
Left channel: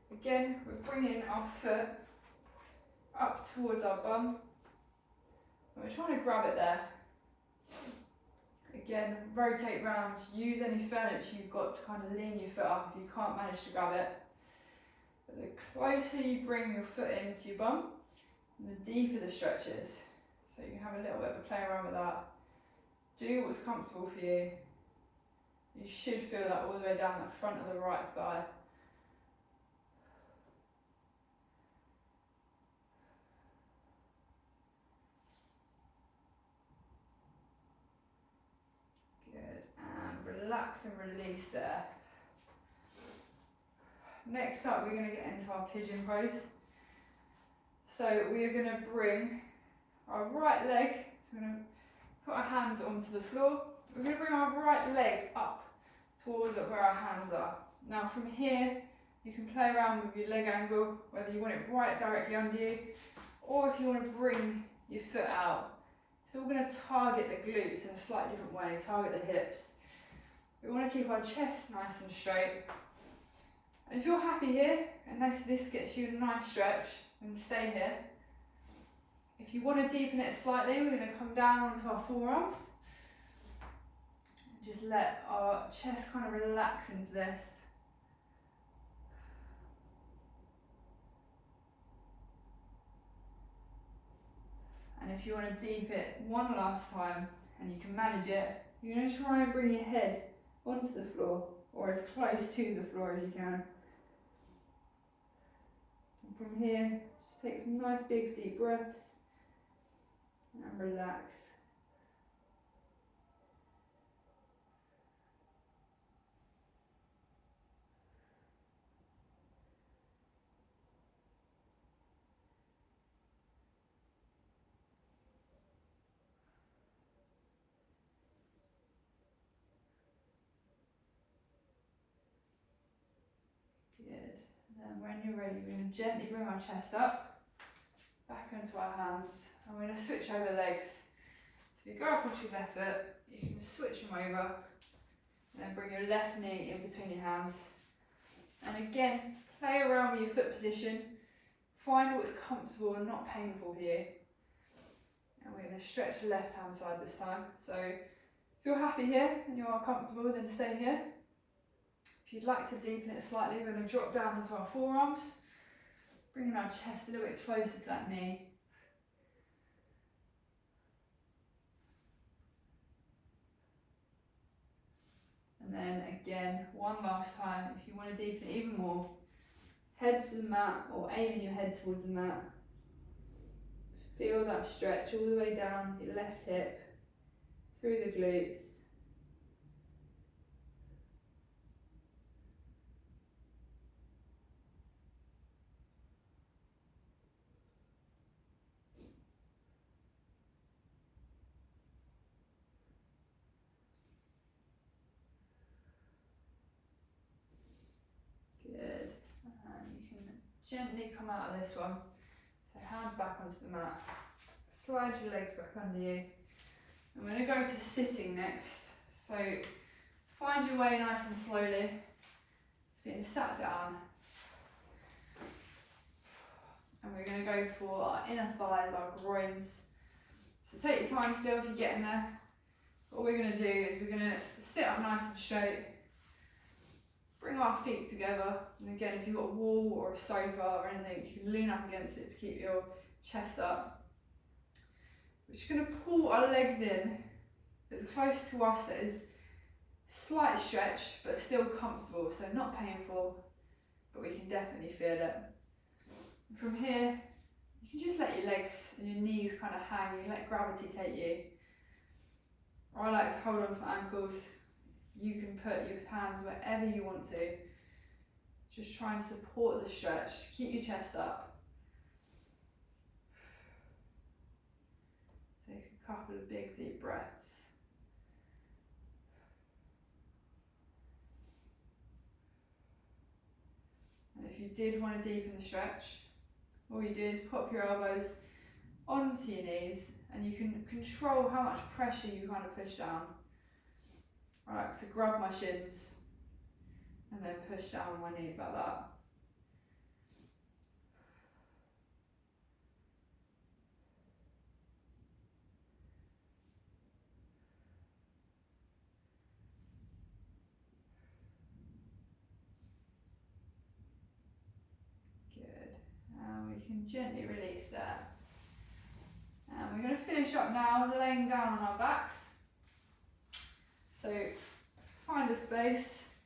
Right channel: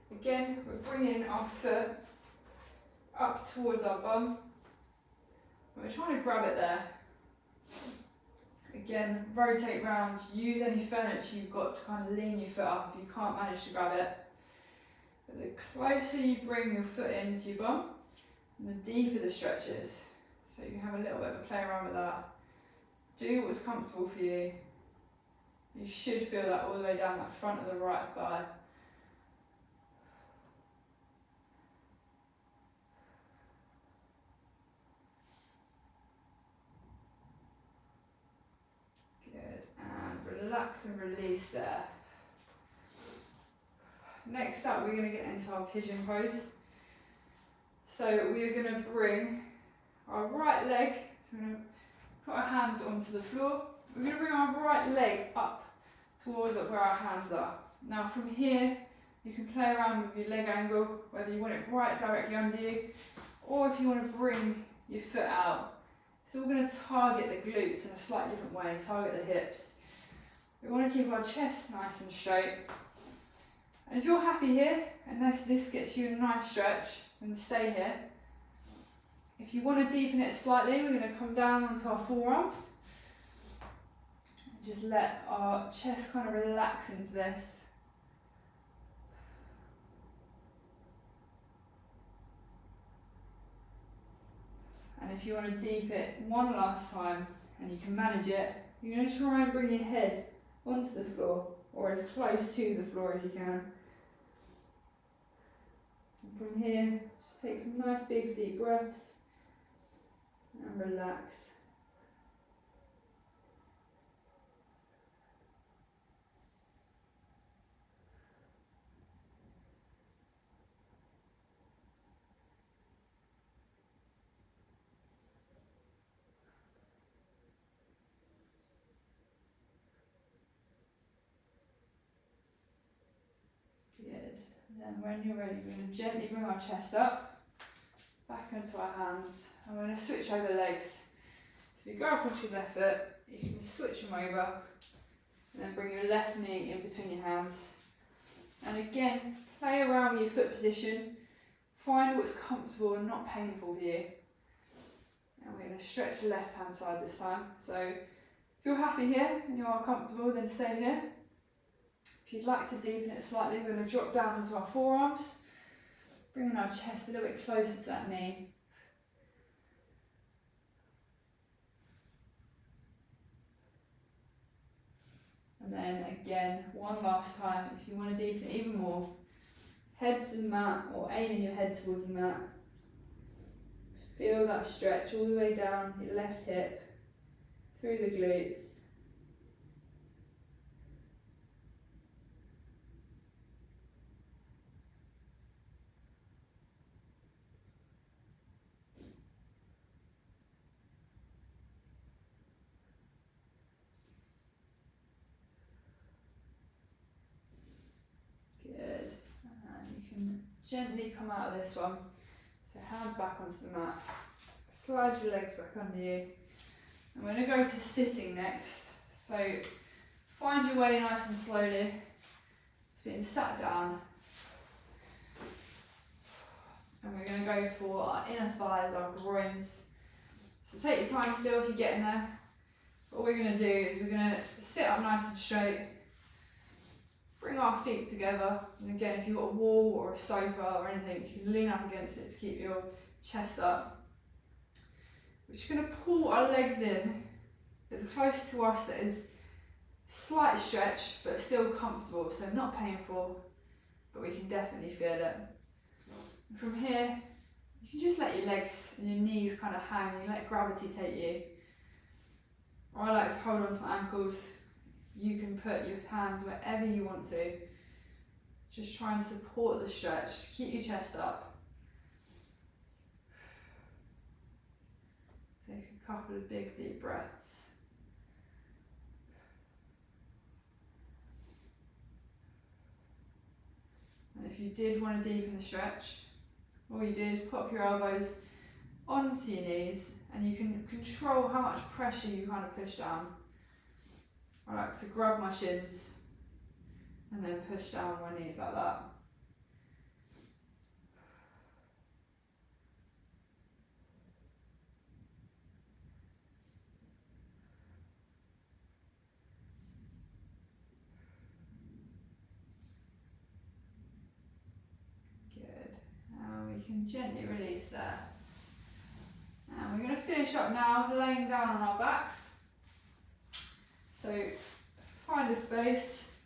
again, we're bringing our foot up towards our bum. And we're trying to grab it there. Again, rotate round, use any furniture you've got to kind of lean your foot up if you can't manage to grab it. But the closer you bring your foot into your bum, the deeper the stretch is. So you can have a little bit of a play around with that. Do what's comfortable for you. You should feel that all the way down that front of the right thigh. Good. relax and release there. Next up, we're going to get into our pigeon pose. So we are going to bring our right leg, so we're going to put our hands onto the floor. We're going to bring our right leg up towards where our hands are. Now from here, you can play around with your leg angle, whether you want it right directly under you, or if you want to bring your foot out. So we're going to target the glutes in a slightly different way, target the hips. We want to keep our chest nice and straight. And if you're happy here, and this gets you a nice stretch, then stay here. If you want to deepen it slightly, we're going to come down onto our forearms. And just let our chest kind of relax into this. And if you want to deep it one last time, and you can manage it, you're going to try and bring your head onto the floor, or as close to the floor as you can. And from here, just take some nice big deep breaths and relax. Good. And then when you're ready, we're going to gently bring our chest up, back onto our hands, and we're going to switch over legs. So if you go across your left foot, you can switch them over, and then bring your left knee in between your hands. And again, play around with your foot position, find what's comfortable and not painful for you. And we're going to stretch the left hand side this time. So if you're happy here and you're comfortable, then stay here. If you'd like to deepen it slightly, we're going to drop down onto our forearms, bringing our chest a little bit closer to that knee. And then again, one last time, if you want to deepen it even more, head to the mat or aiming your head towards the mat. Feel that stretch all the way down your left hip, through the glutes. Good. And you can gently come out of this one. So hands back onto the mat. Slide your legs back under you. And we're going to go to sitting next. So find your way nice and slowly to being sat down. And we're going to go for our inner thighs, our groins. So take your time still if you're getting there. What we're going to do is we're going to sit up nice and straight. Bring our feet together. And again, if you've got a wall or a sofa or anything, you can lean up against it to keep your chest up. We're just going to pull our legs in as close to us as slight stretch, but still comfortable. So not painful, but we can definitely feel it. And from here, you can just let your legs and your knees kind of hang. You let gravity take you. Or I like to hold on to my ankles. You can put your hands wherever you want to. Just try and support the stretch. Keep your chest up. Take a couple of big deep breaths. And if you did want to deepen the stretch, all you do is pop your elbows onto your knees and you can control how much pressure you kind of push down. I like to grab my shins and then push down on my knees like that. Good. And we can gently release that. And we're going to finish up now laying down on our backs. So find a space,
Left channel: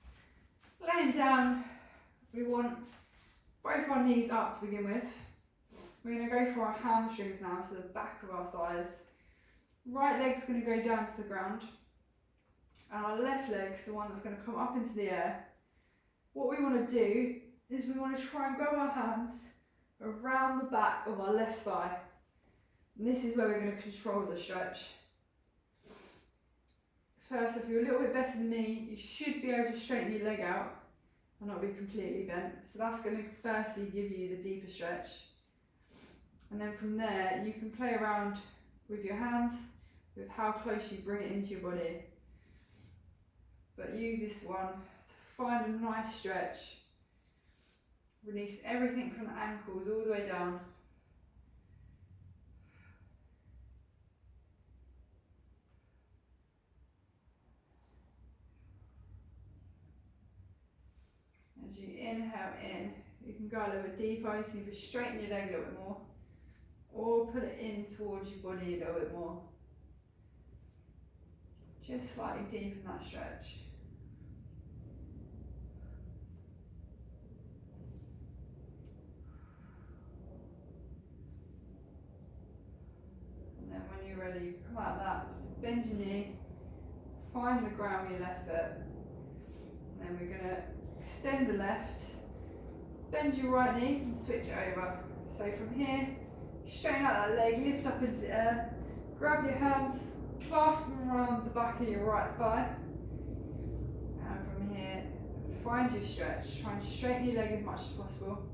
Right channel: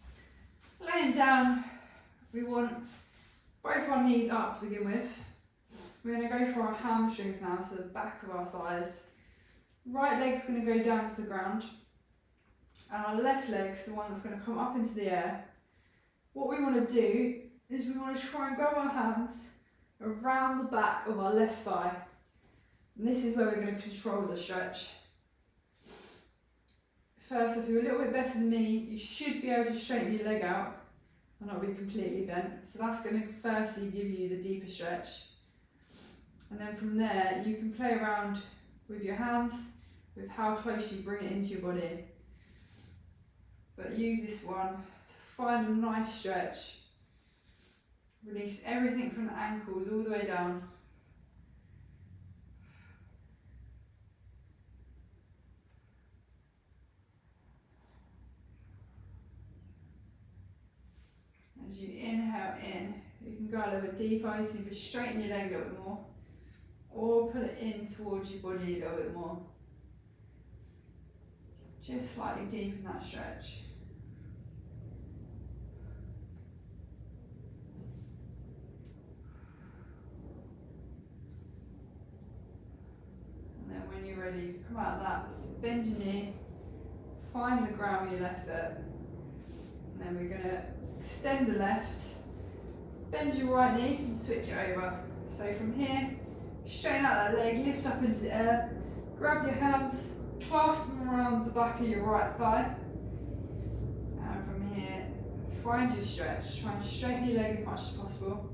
laying down, we want both our knees up to begin with. We're going to go for our hamstrings now, so the back of our thighs. Right leg's going to go down to the ground and our left leg's the one that's going to come up into the air. What we want to do is we want to try and grab our hands around the back of our left thigh. And this is where we're going to control the stretch. First, if you're a little bit better than me, you should be able to straighten your leg out and not be completely bent. So that's going to firstly give you the deeper stretch. And then from there, you can play around with your hands, with how close you bring it into your body. But use this one to find a nice stretch. Release everything from the ankles all the way down. As you inhale in, you can go a little bit deeper, you can either straighten your leg a little bit more, or put it in towards your body a little bit more. Just slightly deepen that stretch. And then when you're ready, come out of that. So bend your knee, find the ground with your left foot. And then we're going to extend the left, bend your right knee and switch it over. So from here, straighten out that leg, lift up into the air, grab your hands, clasp them around the back of your right thigh. And from here, find your stretch. Try and straighten your leg as much as possible.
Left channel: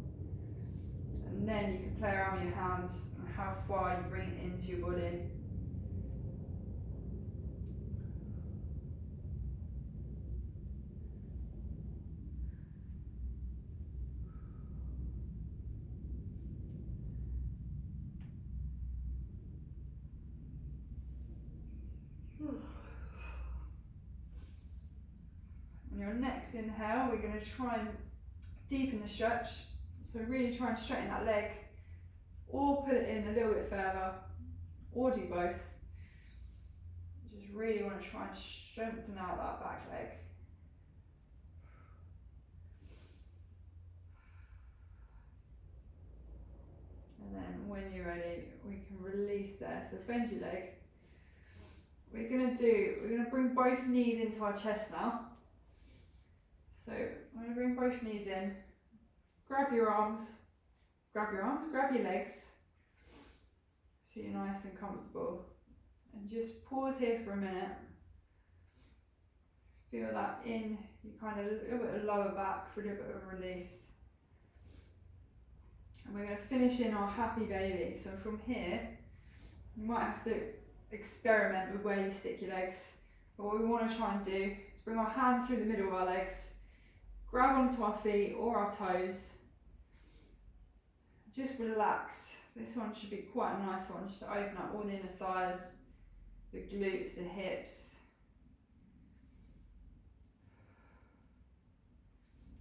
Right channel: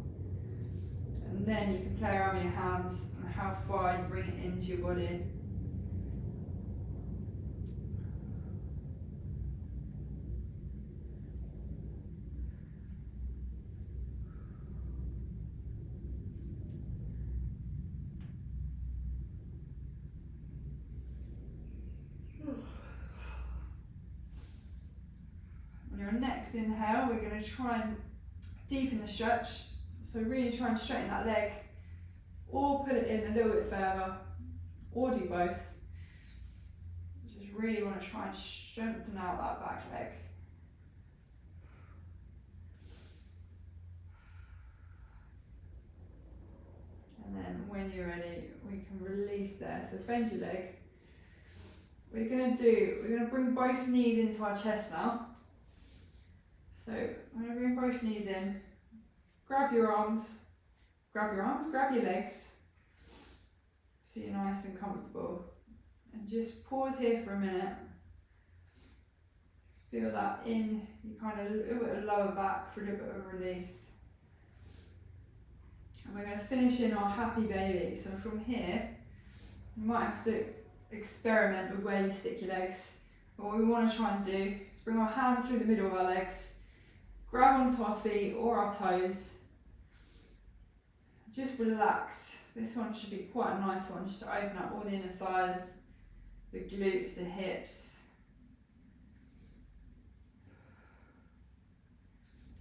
And then you can play around with your hands and how far you bring it into your body. On your next inhale, we're going to try and deepen the stretch. So really try and straighten that leg, or put it in a little bit further, or do both. Just really want to try and strengthen out that back leg. And then when you're ready, we can release there. So bend your leg. We're going to bring both knees into our chest now. So I'm going to bring both knees in. Grab your arms, grab your legs, so you're nice and comfortable. And just pause here for a minute. Feel that in, you kind of a little bit of lower back for a little bit of release. And we're going to finish in our happy baby. So from here, you might have to experiment with where you stick your legs. But what we want to try and do is bring our hands through the middle of our legs, grab onto our feet or our toes. Just relax. This one should be quite a nice one, just to open up all the inner thighs, the glutes, the hips.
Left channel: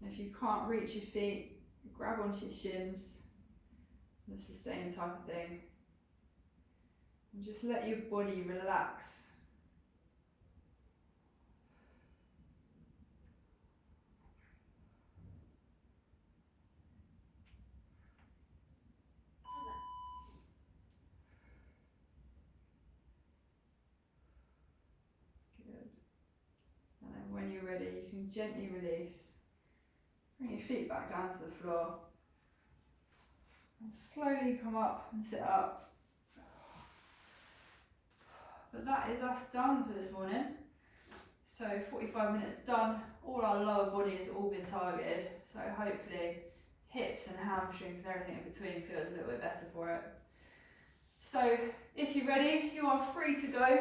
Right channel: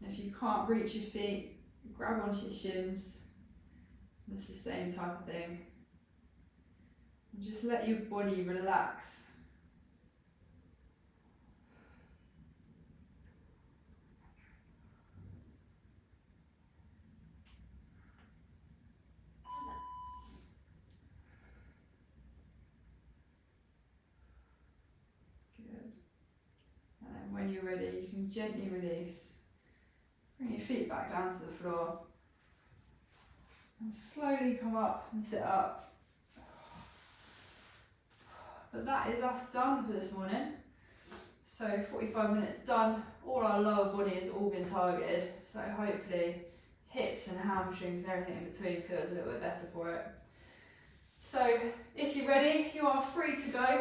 And if you can't reach your feet, grab onto your shins. It's the same type of thing. And just let your body relax. When you're ready, you can gently release. Bring your feet back down to the floor. And slowly come up and sit up. But that is us done for this morning. So 45 minutes done. All our lower body has all been targeted. So hopefully hips and hamstrings and everything in between feels a little bit better for it. So if you're ready, you are free to go.